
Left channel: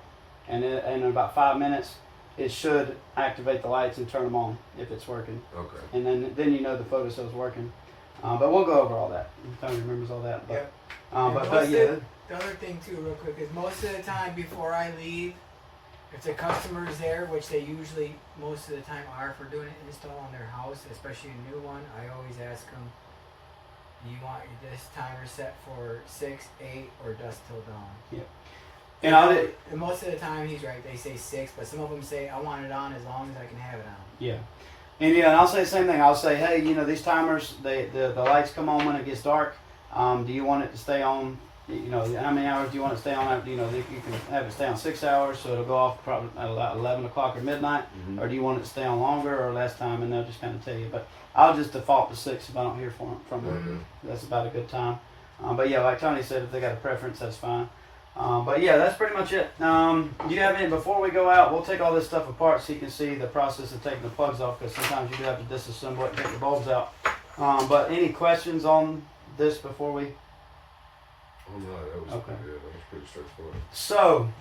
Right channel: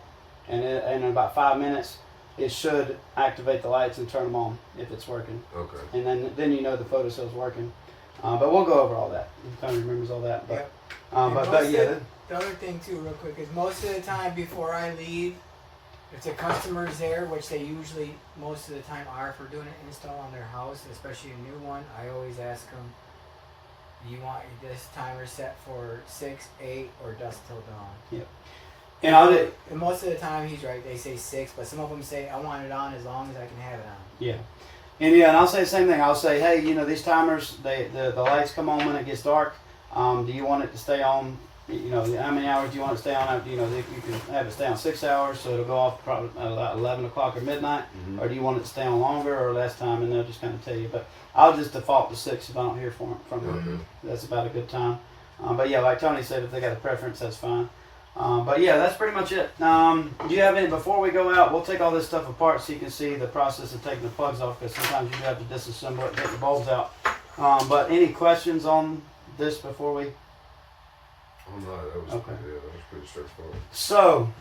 and in about 5 minutes, it should activate the lights and turn them on if it's working. Okay. And then the photocell's working. But we'll go over all that. Tony remembers all that. But, Yep. but yeah. The other thing too, real quick, is most of the time before I leave, if the customer's there, which they usually most of the time are for doing an install on their house, especially a new one, I always ask them, do you want this timer set for 6, 8, or dusk till dawn? Yep. And most of the time he's right, they say 6, but some of them say I want it on as long as I can have it on. Yeah. And I'll say the same thing. I'll say, hey, these timers, the lights come on when it gets dark. Do you want it to stay on? How many hours do you want it to stay on? You can have it stay on 6 hours, so it'll go off probably at 11 o'clock or midnight. Mm-hmm. Or do you want it to stay on longer or less time? And they'll just kind of tell you. But I'll just default to 6 if I don't hear from them. Mm-hmm. That's about a good time. But yeah, like Tony said, if they got a preference, that's fine. But yeah, that's pretty much it. Do you have any, before we go out, we'll take all this stuff apart so you can see the process of taking the plugs off, because sometimes you do have to disassemble it and take the bulbs out. But any questions on this before we? Oh no, that was Okay. that was pretty straightforward. So,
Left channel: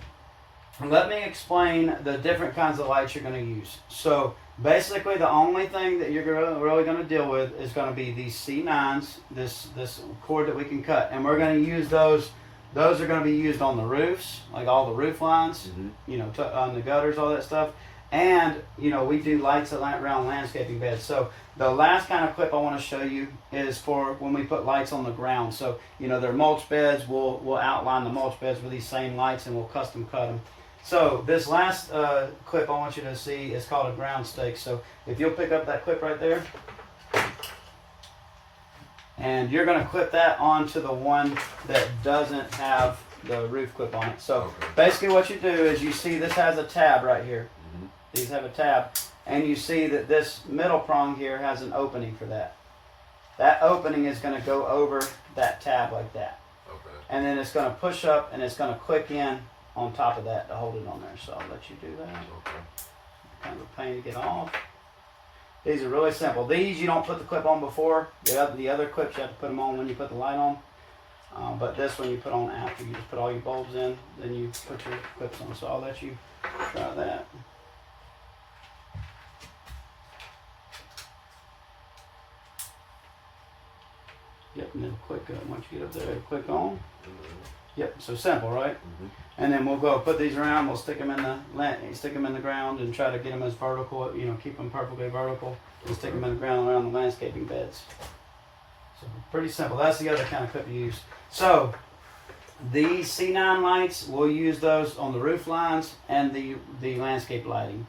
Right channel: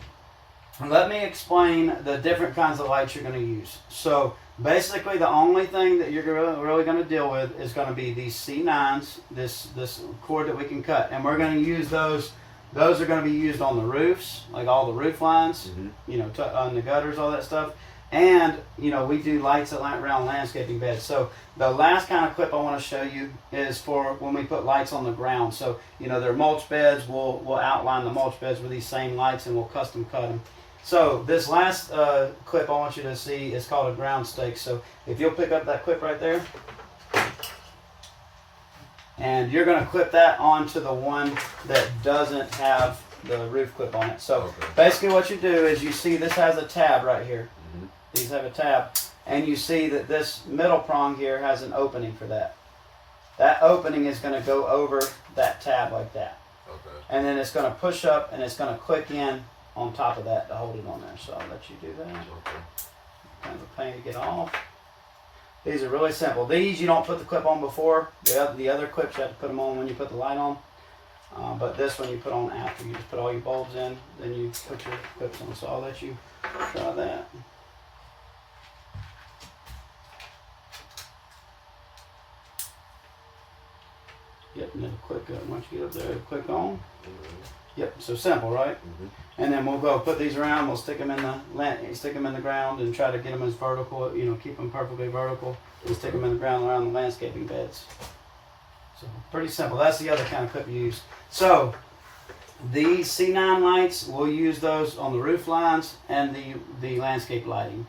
let me explain the different kinds of lights you're going to use. So, basically the only thing that you're really going to deal with is going to be these C9s, this cord that we can cut. And we're going to use those. Those are going to be used on the roofs, like all the roof lines, Mm-hmm. On the gutters, all that stuff. And, we do lights around landscaping beds. So the last kind of clip I want to show you is for when we put lights on the ground. So, they're mulch beds. We'll outline the mulch beds with these same lights, and we'll custom cut them. So this last clip I want you to see is called a ground stake. So if you'll pick up that clip right there, and you're going to clip that onto the one that doesn't have the roof clip on it. So basically what you do is you see this has a tab right here. Mm-hmm. These have a tab. And you see that this middle prong here has an opening for that. That opening is going to go over that tab like that. Okay. And then it's going to push up and it's going to click in on top of that to hold it on there. So I'll let you do that. Okay. Kind of a pain to get off. These are really simple. These you don't put the clip on before. The other clips you have to put them on when you put the light on. But this one you put on after. You just put all your bulbs in, then you put your clips on. So I'll let you try that. Yep, and it'll click once you get up there, it'll click on. Mm-hmm. Yep, so simple, right? Mm-hmm. And then we'll go put these around. We'll stick them in the ground and try to get them as vertical. Keep them perfectly vertical. And stick them in the ground around the landscaping beds. So pretty simple. That's the other kind of clip you use. So these C9 lights, we'll use those on the roof lines and the landscape lighting.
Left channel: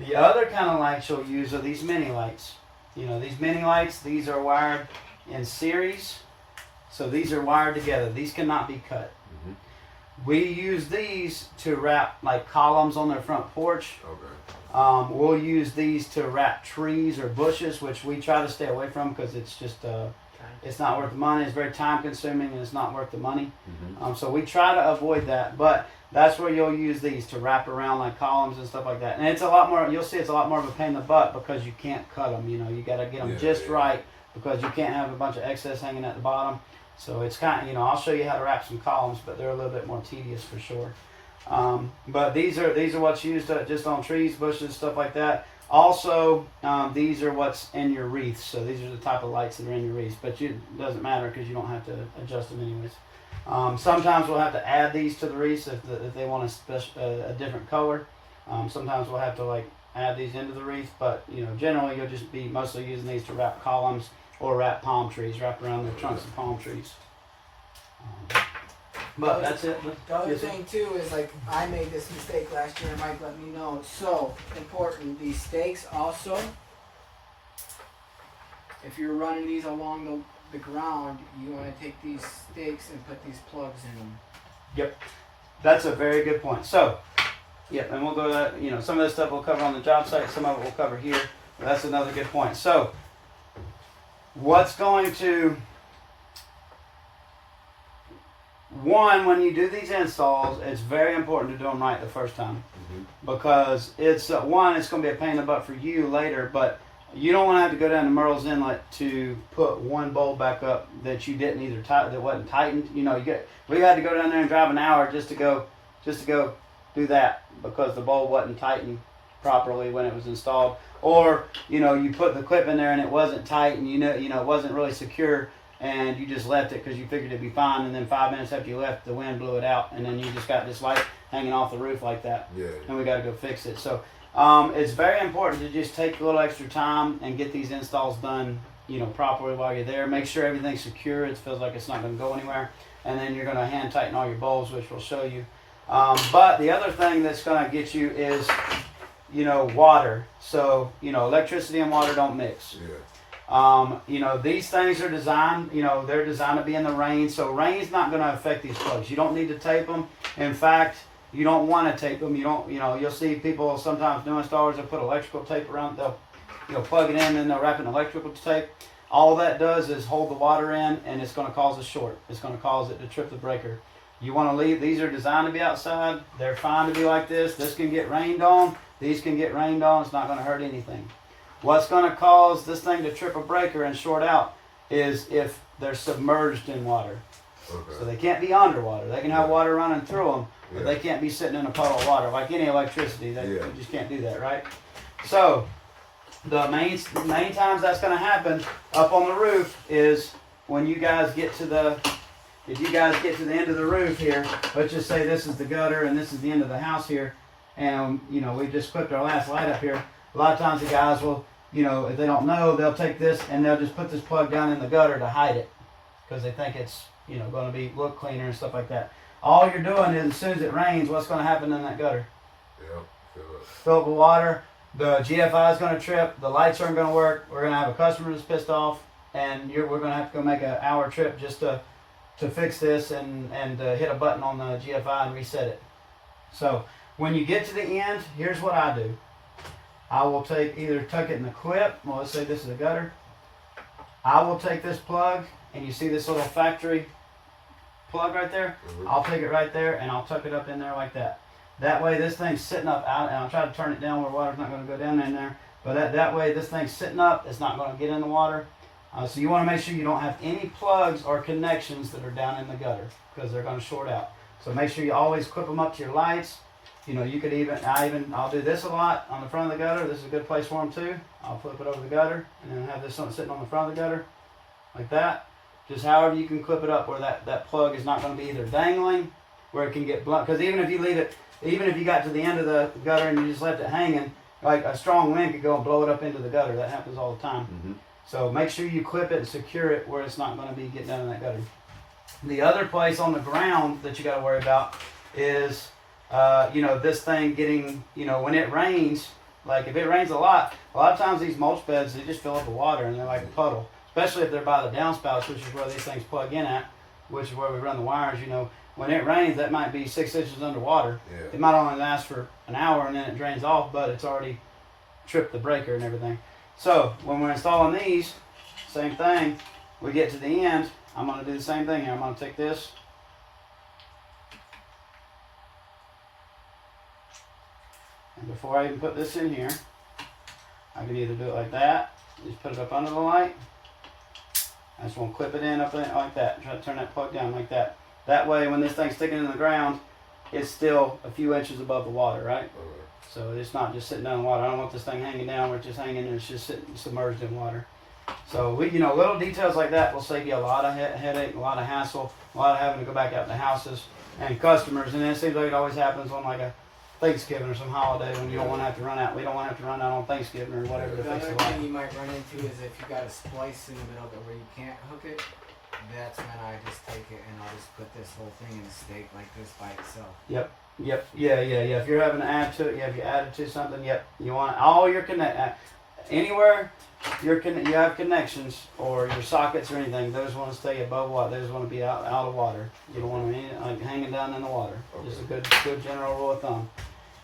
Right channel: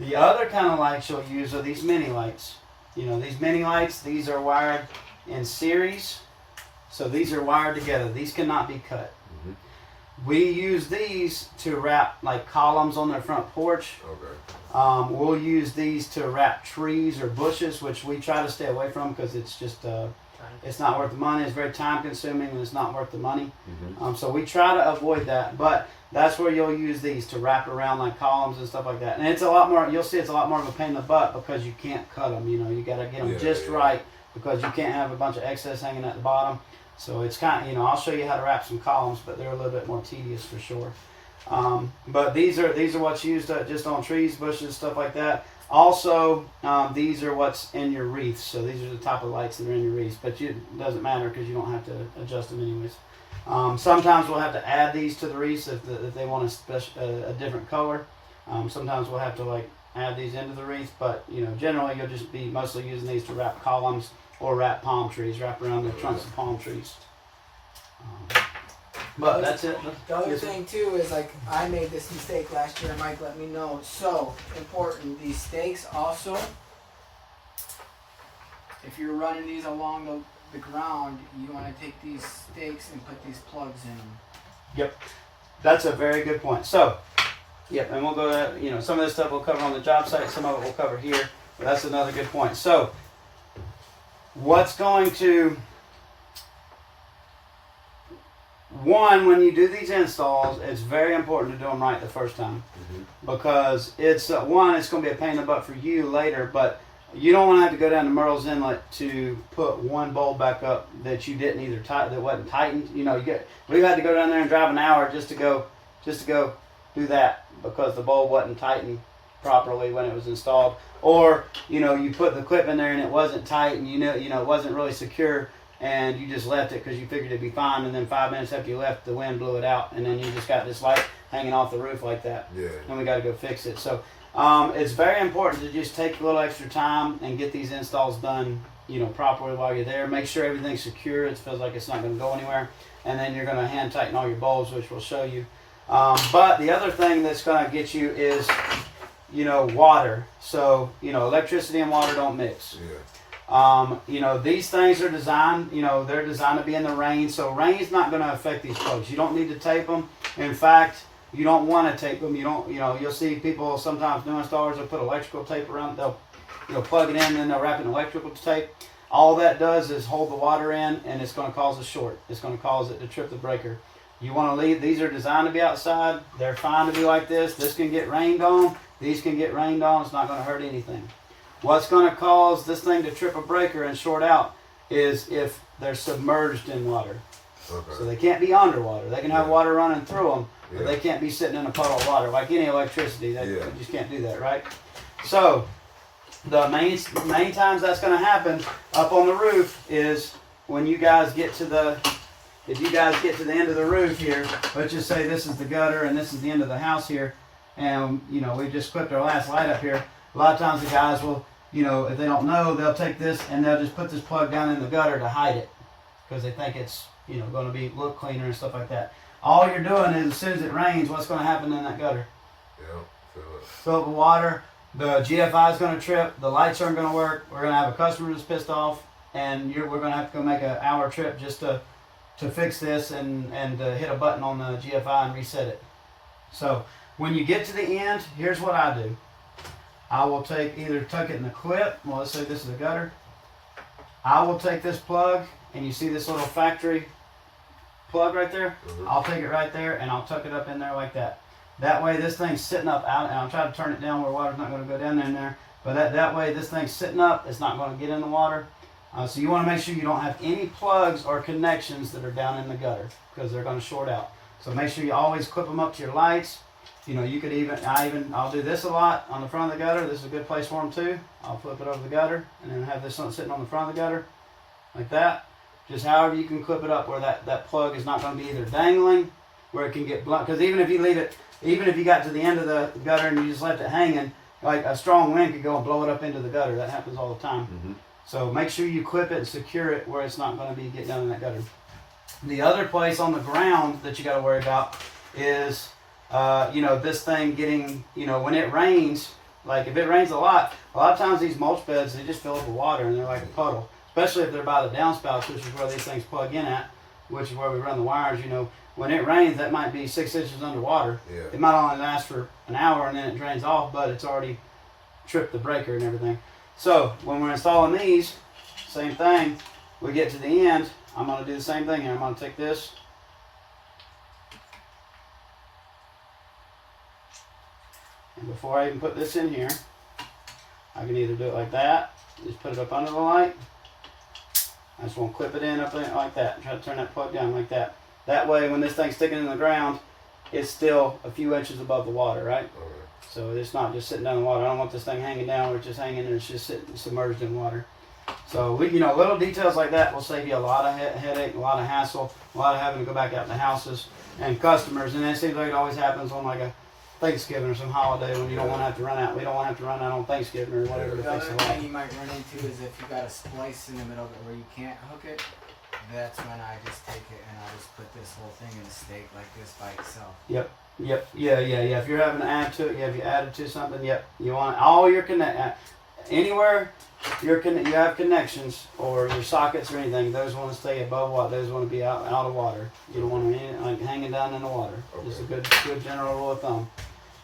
The other kind of lights you'll use are these mini lights. These mini lights. These are wired in series. So these are wired together. These cannot be cut. Mm-hmm. We use these to wrap like columns on their front porch. Okay. We'll use these to wrap trees or bushes, which we try to stay away from because it's just It's not worth the money. It's very time consuming, and it's not worth the money. Mm-hmm. So we try to avoid that, but that's where you'll use these to wrap around like columns and stuff like that. And it's a lot more. You'll see it's a lot more of a pain in the butt because you can't cut them. You know, you got to get them Yeah, just yeah. right because you can't have a bunch of excess hanging at the bottom. So it's kind of, you know, I'll show you how to wrap some columns, but they're a little bit more tedious for sure. But these are what's used just on trees, bushes, stuff like that. Also, these are what's in your wreaths. So these are the type of lights that are in your wreaths, but it doesn't matter because you don't have to adjust them anyways. Sometimes we'll have to add these to the wreaths if they want a different color. Sometimes we'll have to like add these into the wreath, but you know, generally you'll just be mostly using these to wrap columns or wrap palm trees, wrap around the trunks of palm trees. But that's it. The other Yes, sir. thing too is like I made this mistake last year. Mike let me know. So important. These stakes also. If you're running these along the ground, you want to take these stakes and put these plugs in them. Yep, that's a very good point. So, yep, and we'll go to, you know, some of this stuff we'll cover on the job site, some of it we'll cover here. But that's another good point. So, what's going to, one, when you do these installs, it's very important to do them right the first time because it's, one, it's going to be a pain in the butt for you later, but you don't want to have to go down to Merle's Inlet to put one bolt back up that you didn't either that wasn't tightened. You know, we had to go down there and drive an hour just to go do that because the bolt wasn't tightened properly when it was installed. Or, you know, you put the clip in there and it wasn't tight and you know it wasn't really secure and you just left it because you figured it'd be fine, and then 5 minutes after you left, the wind blew it out, and then you just got this light hanging off the roof like that. Yeah. And we got to go fix it. So it's very important to just take a little extra time and get these installs done, you know, properly while you're there. Make sure everything's secure. It feels like it's not going to go anywhere. And then you're going to hand tighten all your bulbs, which we'll show you. But the other thing that's going to get you is, you know, water. So, you know, electricity and water don't mix. Yeah. You know, these things are designed, you know, they're designed to be in the rain. So rain's not going to affect these plugs. You don't need to tape them. In fact, you don't want to tape them. You don't, you know, you'll see people sometimes new installers, they'll put electrical tape around, they'll, you know, plug it in and then they'll wrap it in electrical tape. All that does is hold the water in and it's going to cause a short. It's going to cause it to trip the breaker. You want to leave, these are designed to be outside. They're fine to be like this. This can get rained on. These can get rained on. It's not going to hurt anything. What's going to cause this thing to trip a breaker and short out is if they're submerged in water. Okay. So they can't be underwater. They can have water running through them, but Yeah. they can't be sitting in a puddle of water. Like any electricity, they Yeah. you just can't do that, right? So the main times that's going to happen up on the roof is when you guys get to the, if you guys get to the end of the roof here, let's just say this is the gutter and this is the end of the house here, and you know we just clipped our last light up here. A lot of times the guys will, you know, if they don't know, they'll take this and they'll just put this plug down in the gutter to hide it because they think it's, you know, going to be look cleaner and stuff like that. All you're doing is as soon as it rains, what's going to happen in that gutter? Yeah. Fill up with water. The GFI is going to trip. The lights aren't going to work. We're going to have a customer that's pissed off, and we're going to have to go make an hour trip just to fix this and hit a button on the GFI and reset it. So when you get to the end, here's what I do. I will either tuck it in the clip. Well, let's say this is a gutter. I will take this plug, and you see this little factory plug right there? Mhm. I'll take it right there, and I'll tuck it up in there like that. That way this thing's sitting up out, and I'll try to turn it down where water's not going to go down in there. But that way this thing's sitting up, it's not going to get in the water. So you want to make sure you don't have any plugs or connections that are down in the gutter because they're going to short out. So make sure you always clip them up to your lights. You know, you could I'll do this a lot on the front of the gutter. This is a good place for them too. I'll flip it over the gutter and then have this one sitting on the front of the gutter like that. Just however you can clip it up where that plug is not going to be either dangling, where it can get blunt. Because even if you leave it, even if you got to the end of the gutter and you just left it hanging, like a strong wind could go and blow it up into the gutter. That happens all the time. Mm-hmm. So make sure you clip it and secure it where it's not going to be getting down in that gutter. The other place on the ground that you got to worry about is, you know, this thing getting, you know, when it rains, like if it rains a lot of times these mulch beds, they just fill up with water and they're like a puddle. Especially if they're by the downspouts, which is where these things plug in at, which is where we run the wires. You know, when it rains, that might be 6 inches underwater. Yeah. It might only last for an hour and then it drains off, but it's already tripped the breaker and everything. So when we're installing these, same thing. we get to the end, I'm going to do the same thing here. I'm going to take this. And before I even put this in here, I can either do it like that, just put it up under the light. I just want to clip it in up in it like that. Try to turn that plug down like that. That way, when this thing's sticking in the ground, it's still a few inches above the water, right? So it's not just sitting down in the water. I don't want this thing hanging down where it's just hanging and it's just sitting submerged in water. So we, little details like that will save you a lot of headache, a lot of hassle, a lot of having to go back out to houses and customers. And it seems like it always happens on like a Thanksgiving or some holiday when you don't want to have to run out. We don't want to have to run out on Thanksgiving or whatever to The fix other the light. thing you might run into is if you got a splice in the middle of it where you can't hook it. That's when I just take it and I'll just put this whole thing in a stake like this by itself. Yep. Yeah. If you're having to add to it, if you added to something, yep. You want all your anywhere you have connections or your sockets or anything. Those want to stay above water. Those want to be out of water. You don't want them hanging down in the water. Okay. Just a good general rule of thumb.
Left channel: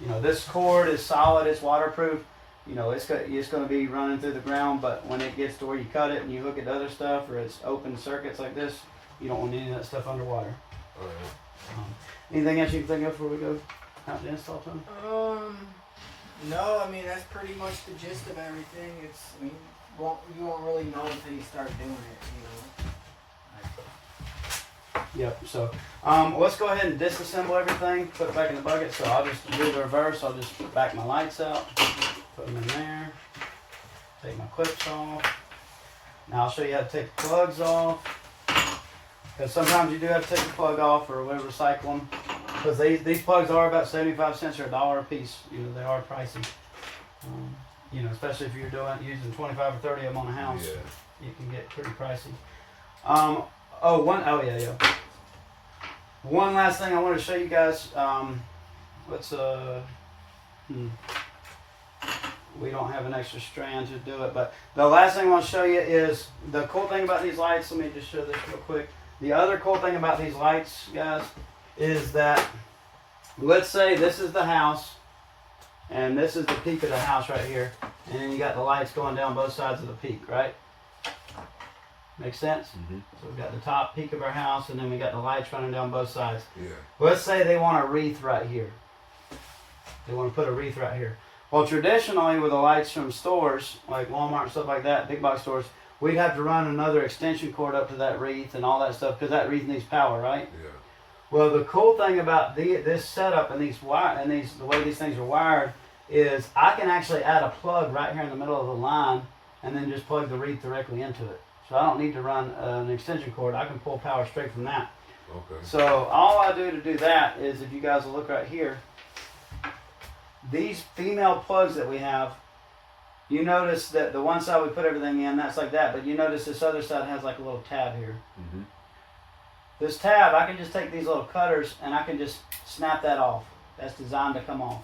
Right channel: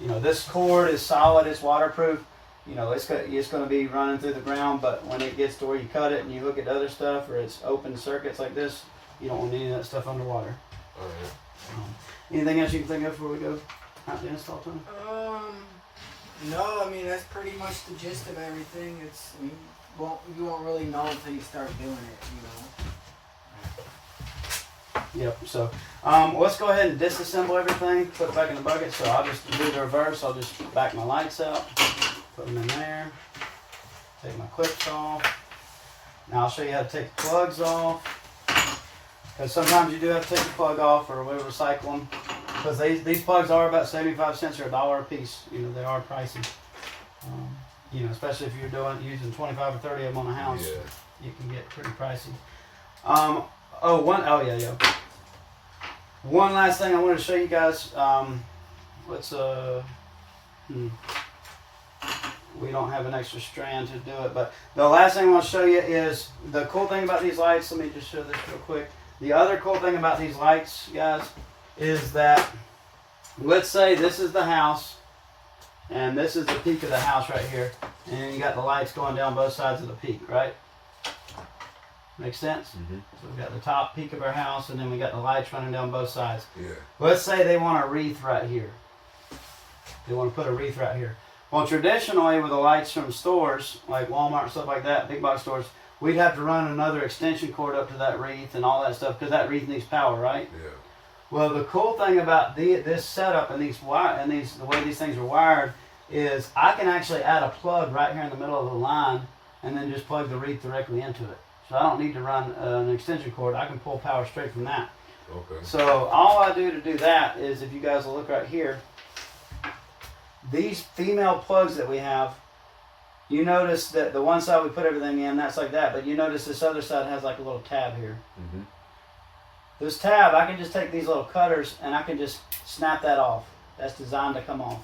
This cord is solid. It's waterproof. It's going to be running through the ground, but when it gets to where you cut it and you hook it to other stuff, or it's open circuits like this, you don't want any of that stuff underwater. Anything else you can think of before we go out to install to them? No, I mean that's pretty much the gist of everything. You won't really know until you start doing it, Yep. So let's go ahead and disassemble everything, put it back in the bucket. So I'll just do the reverse. I'll just back my lights out, put them in there, take my clips off. Now I'll show you how to take the plugs off. Because sometimes you do have to take the plug off or we'll recycle them. Because these plugs are about 75 cents or $1 a piece. They are pricey. Especially if you're using 25 or 30 of them on a house, you can get pretty pricey. One last thing I wanted to show you guys. We don't have an extra strand to do it, but the last thing I want to show you is the cool thing about these lights. Let me just show this real quick. The other cool thing about these lights, guys, is that let's say this is the house and this is the peak of the house right here, and then you got the lights going down both sides of the peak, right? Makes sense? Mm-hmm. So we've got the top peak of our house and then we got the lights running down both sides. Yeah. Let's say they want a wreath right here. They want to put a wreath right here. Well, traditionally with the lights from stores, like Walmart and stuff like that, big box stores, we'd have to run another extension cord up to that wreath and all that stuff because that wreath needs power, right? Yeah. Well, the cool thing about this setup and the way these things are wired is I can actually add a plug right here in the middle of the line and then just plug the wreath directly into it. So I don't need to run an extension cord. I can pull power straight from that. Okay. So all I do to do that is, if you guys will look right here, these female plugs that we have, you notice that the one side we put everything in, that's like that, but you notice this other side has like a little tab here. Mm-hmm. This tab, I can just take these little cutters and I can just snap that off. That's designed to come off.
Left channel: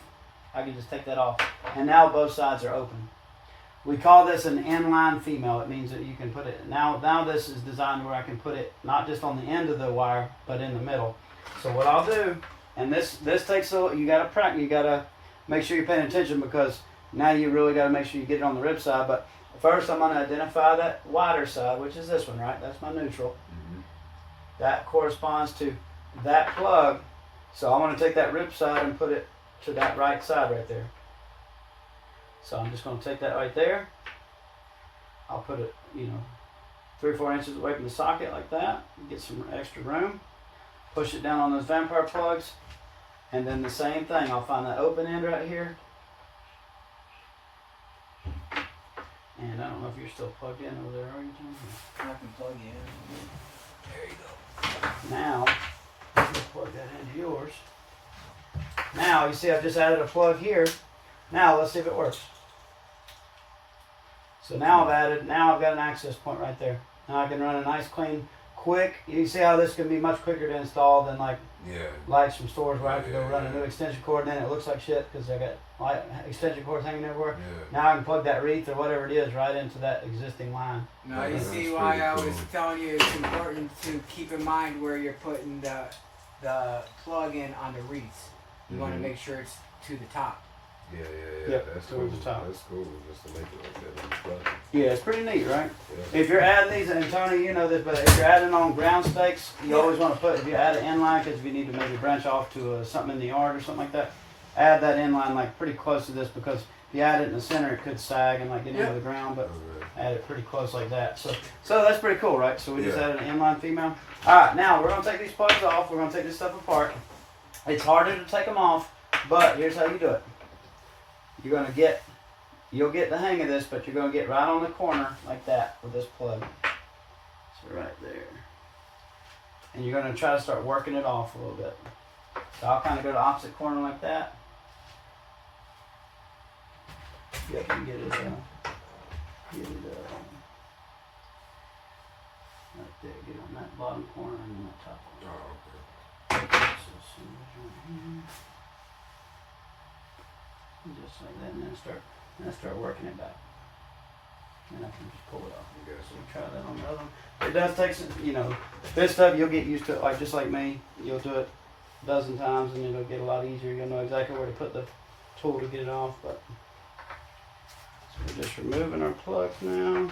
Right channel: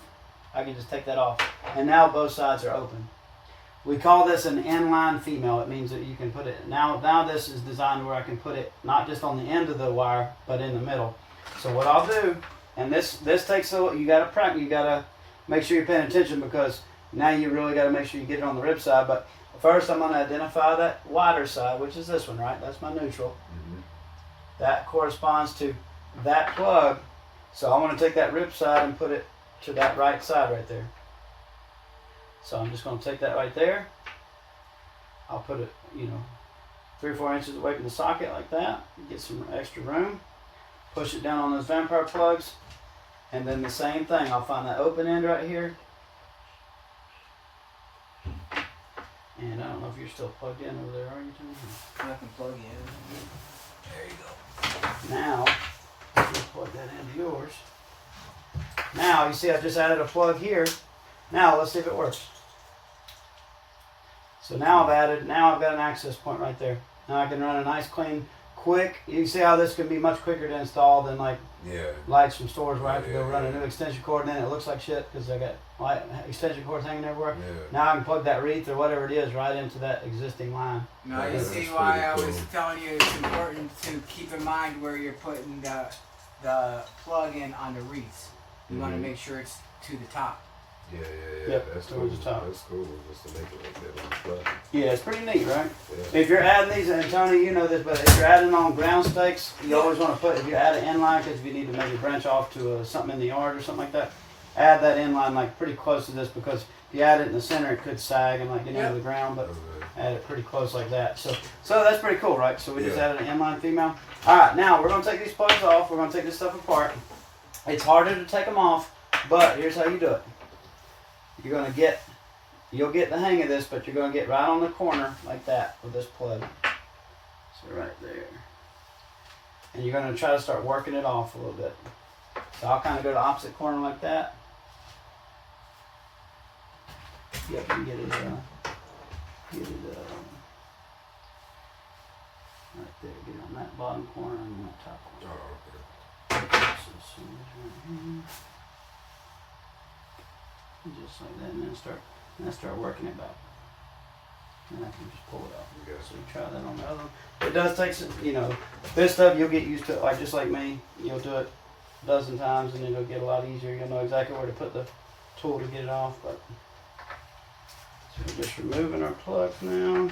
I can just take that off. And now both sides are open. We call this an inline female. It means that you can put it, now this is designed where I can put it not just on the end of the wire, but in the middle. So what I'll do, and this takes you gotta make sure you're paying attention because now you really gotta make sure you get it on the rib side. But first I'm gonna identify that wider side, which is this one, right? That's my neutral. Mm-hmm. That corresponds to that plug. So I want to take that rib side and put it to that right side right there. So I'm just going to take that right there. I'll put it, 3 or 4 inches away from the socket like that. Get some extra room. Push it down on those vampire plugs. And then the same thing. I'll find that open end right here. And I don't know if you're still plugged in over there, are you, Tom? Nothing plug in. There you go. Now, let's plug that into yours. Now, you see I've just added a plug here. Now, let's see if it works. So now I've got an access point right there. Now I can run a nice, clean, quick. You can see how this can be much quicker to install than like lights from stores where I have to go run a new extension cord and then it looks like shit because I got extension cords hanging everywhere. Yeah. Now I can plug that wreath or whatever it is right into that existing line. Now you Yeah, see that's why pretty I cool. was telling you it's important to keep in mind where you're putting the plug in on the wreaths. You want to Mhm. make sure it's to the top. Yeah. Yep, That's cool. towards the top. That's cool. Just to make it like that on the plug. Yeah, it's pretty neat, right? Yeah. If you're adding these, and Tony, you know this, but if you're adding on ground stakes, you always want to put, if you add an inline, because if you need to maybe branch off to something in the yard or something like that, add that inline like pretty close to this, because if you add it in the center, it could sag and like get into the ground, but add it pretty close like that. So that's pretty cool, right? So we just added an inline female. All right, now we're going to take these plugs off. We're going to take this stuff apart. It's harder to take them off, but here's how you do it. You'll get the hang of this, but you're going to get right on the corner like that with this plug. So right there. And you're going to try to start working it off a little bit. So I'll kind of go to the opposite corner like that. Yeah, you can get it, right there. Get on that bottom corner and then the top corner. Oh, okay. So as soon as right here. Just like that, and then start working it back. And I can just pull it off. You got So some. try that on the other one. It does take some, this stuff you'll get used to it, like just like me. You'll do it a dozen times and it'll get a lot easier. You'll know exactly where to put the tool to get it off. But so we're just removing our plugs now.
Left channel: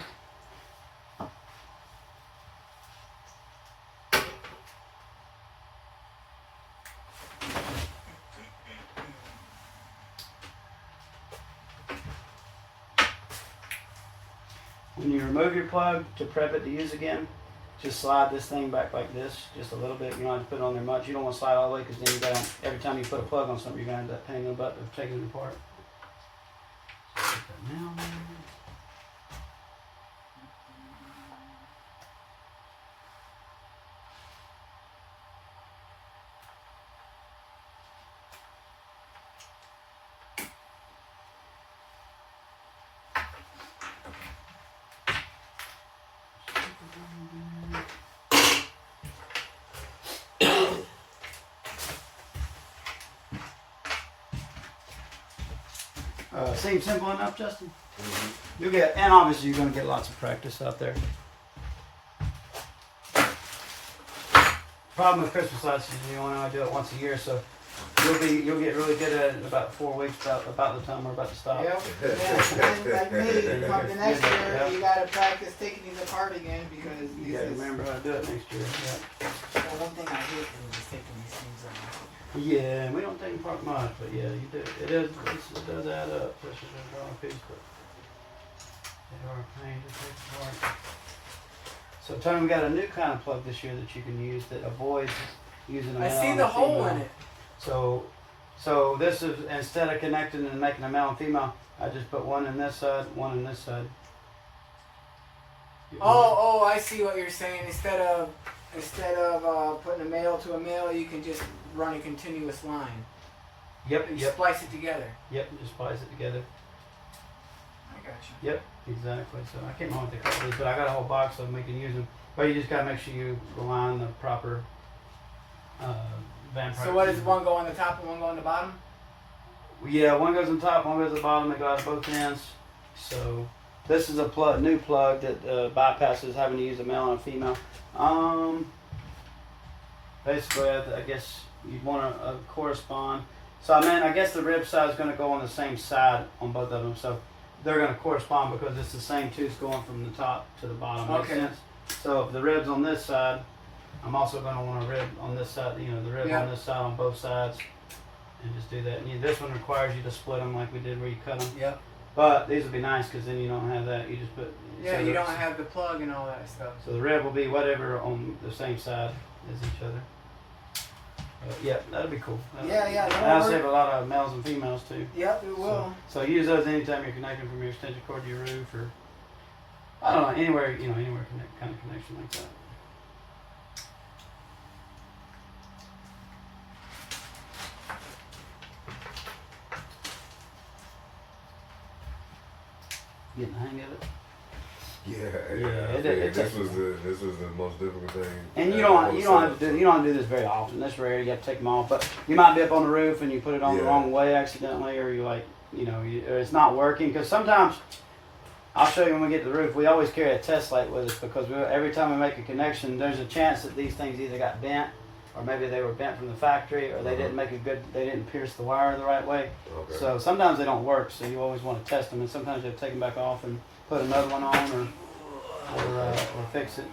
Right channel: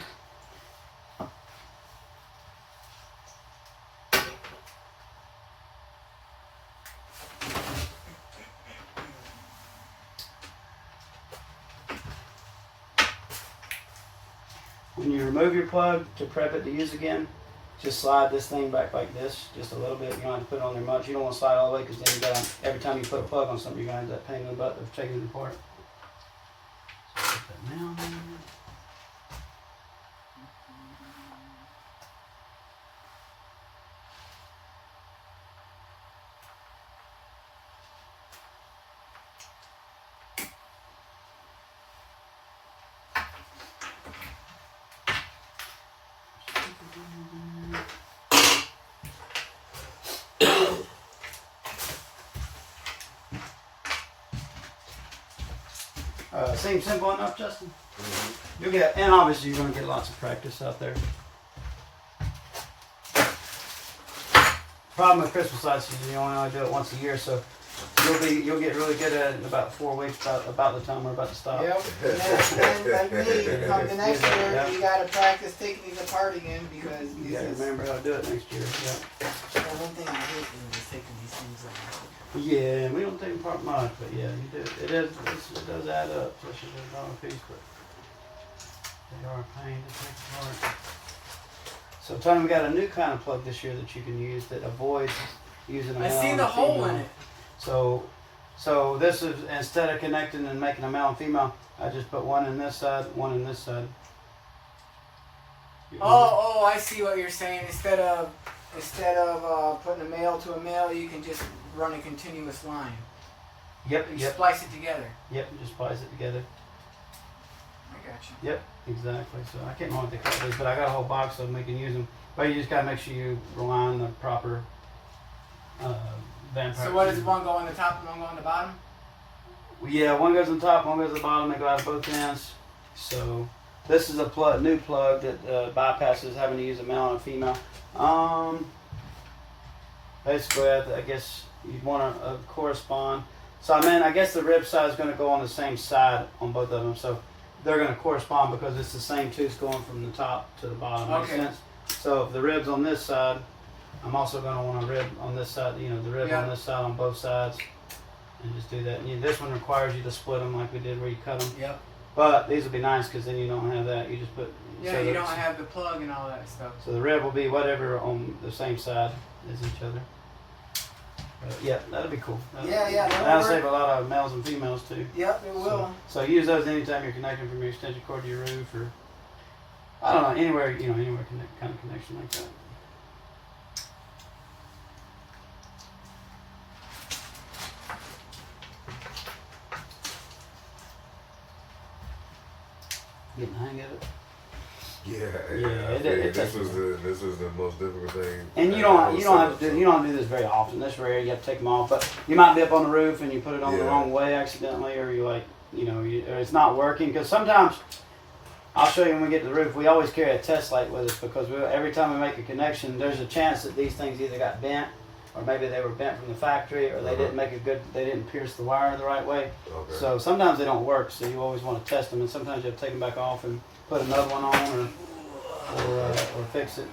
When you remove your plug to prep it to use again, just slide this thing back like this, just a little bit. You don't have to put it on there much. You don't want to slide all the way, because then you got every time you put a plug on something, you're going to end up pain in the butt of taking it apart. So put that down there. Seems simple enough, Justin? Mm-hmm. You'll get, and obviously you're going to get lots of practice out there. Problem with Christmas lights is you only do it once a year, so you'll get really good at it in about 4 weeks, about the time we're about to stop. Yep. And then like me, come the next year, Yeah. you gotta practice taking these apart again, because You gotta remember how to do it next year. Yeah. the one thing I hate is taking these things apart. Yeah, we don't take apart much, but yeah, you do. It does add up, especially the bottom piece, but they are a pain to take apart. So Tony, we got a new kind of plug this year that you can use that avoids using a male I see and the a hole in female. it. So this is, instead of connecting and making a male and female, I just put one in this side, one in this side. Oh, I see what you're saying. Instead of putting a male to a male, you can just run a continuous line. Yep, You yep, splice it together. yep. Just splice it together. I got you. Yep, exactly. So I can't remember what they call these, but I got a whole box of them. We can use them, but you just gotta make sure you align the proper vampire. So what does one go on the top and one go on the bottom? Yeah, one goes on top, one goes on the bottom. They go out of both ends. So this is a new plug that bypasses having to use a male and a female. Basically, I guess you'd want to correspond. So I guess the rib side is going to go on the same side on both of them. So they're going to correspond because it's the same tooth going from the top to the bottom. Okay. Makes sense? So if the rib's on this side, I'm also going to want a rib on this side. The rib on this side on both sides, and just do that. And this one requires you to split them like we did where you cut them. Yep. But these would be nice because then you don't have that. You just put. Yeah, so you don't have the plug and all that stuff. So the rib will be whatever on the same side as each other. Yeah, that'd be cool. Yeah, That'll that'll save work. a lot of males and females too. Yep, it will. So use those anytime you're connecting from your extension cord to your roof, or I don't know, anywhere anywhere kind of connection like that. Getting the hang of it. Yeah, it this takes was the most difficult thing. And you don't have to do this very often. This rare, you have to take them off. But you might be up on the roof and you put it on the wrong way accidentally, or you or it's not working. Because sometimes, I'll show you when we get to the roof. We always carry a test light with us because every time we make a connection, there's a chance that these things either got bent or maybe they were bent from the factory, or they didn't make a good, they didn't pierce the wire the right way. Okay. So sometimes they don't work, so you always want to test them, and sometimes you have to take them back off and put another one on, or fix it.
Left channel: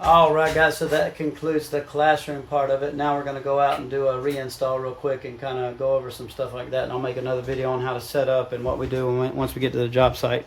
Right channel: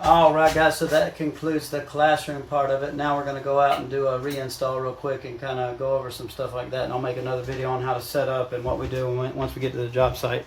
All right, guys, so that concludes the classroom part of it. Now we're going to go out and do a reinstall real quick and kind of go over some stuff like that, and I'll make another video on how to set up and what we do once we get to the job site.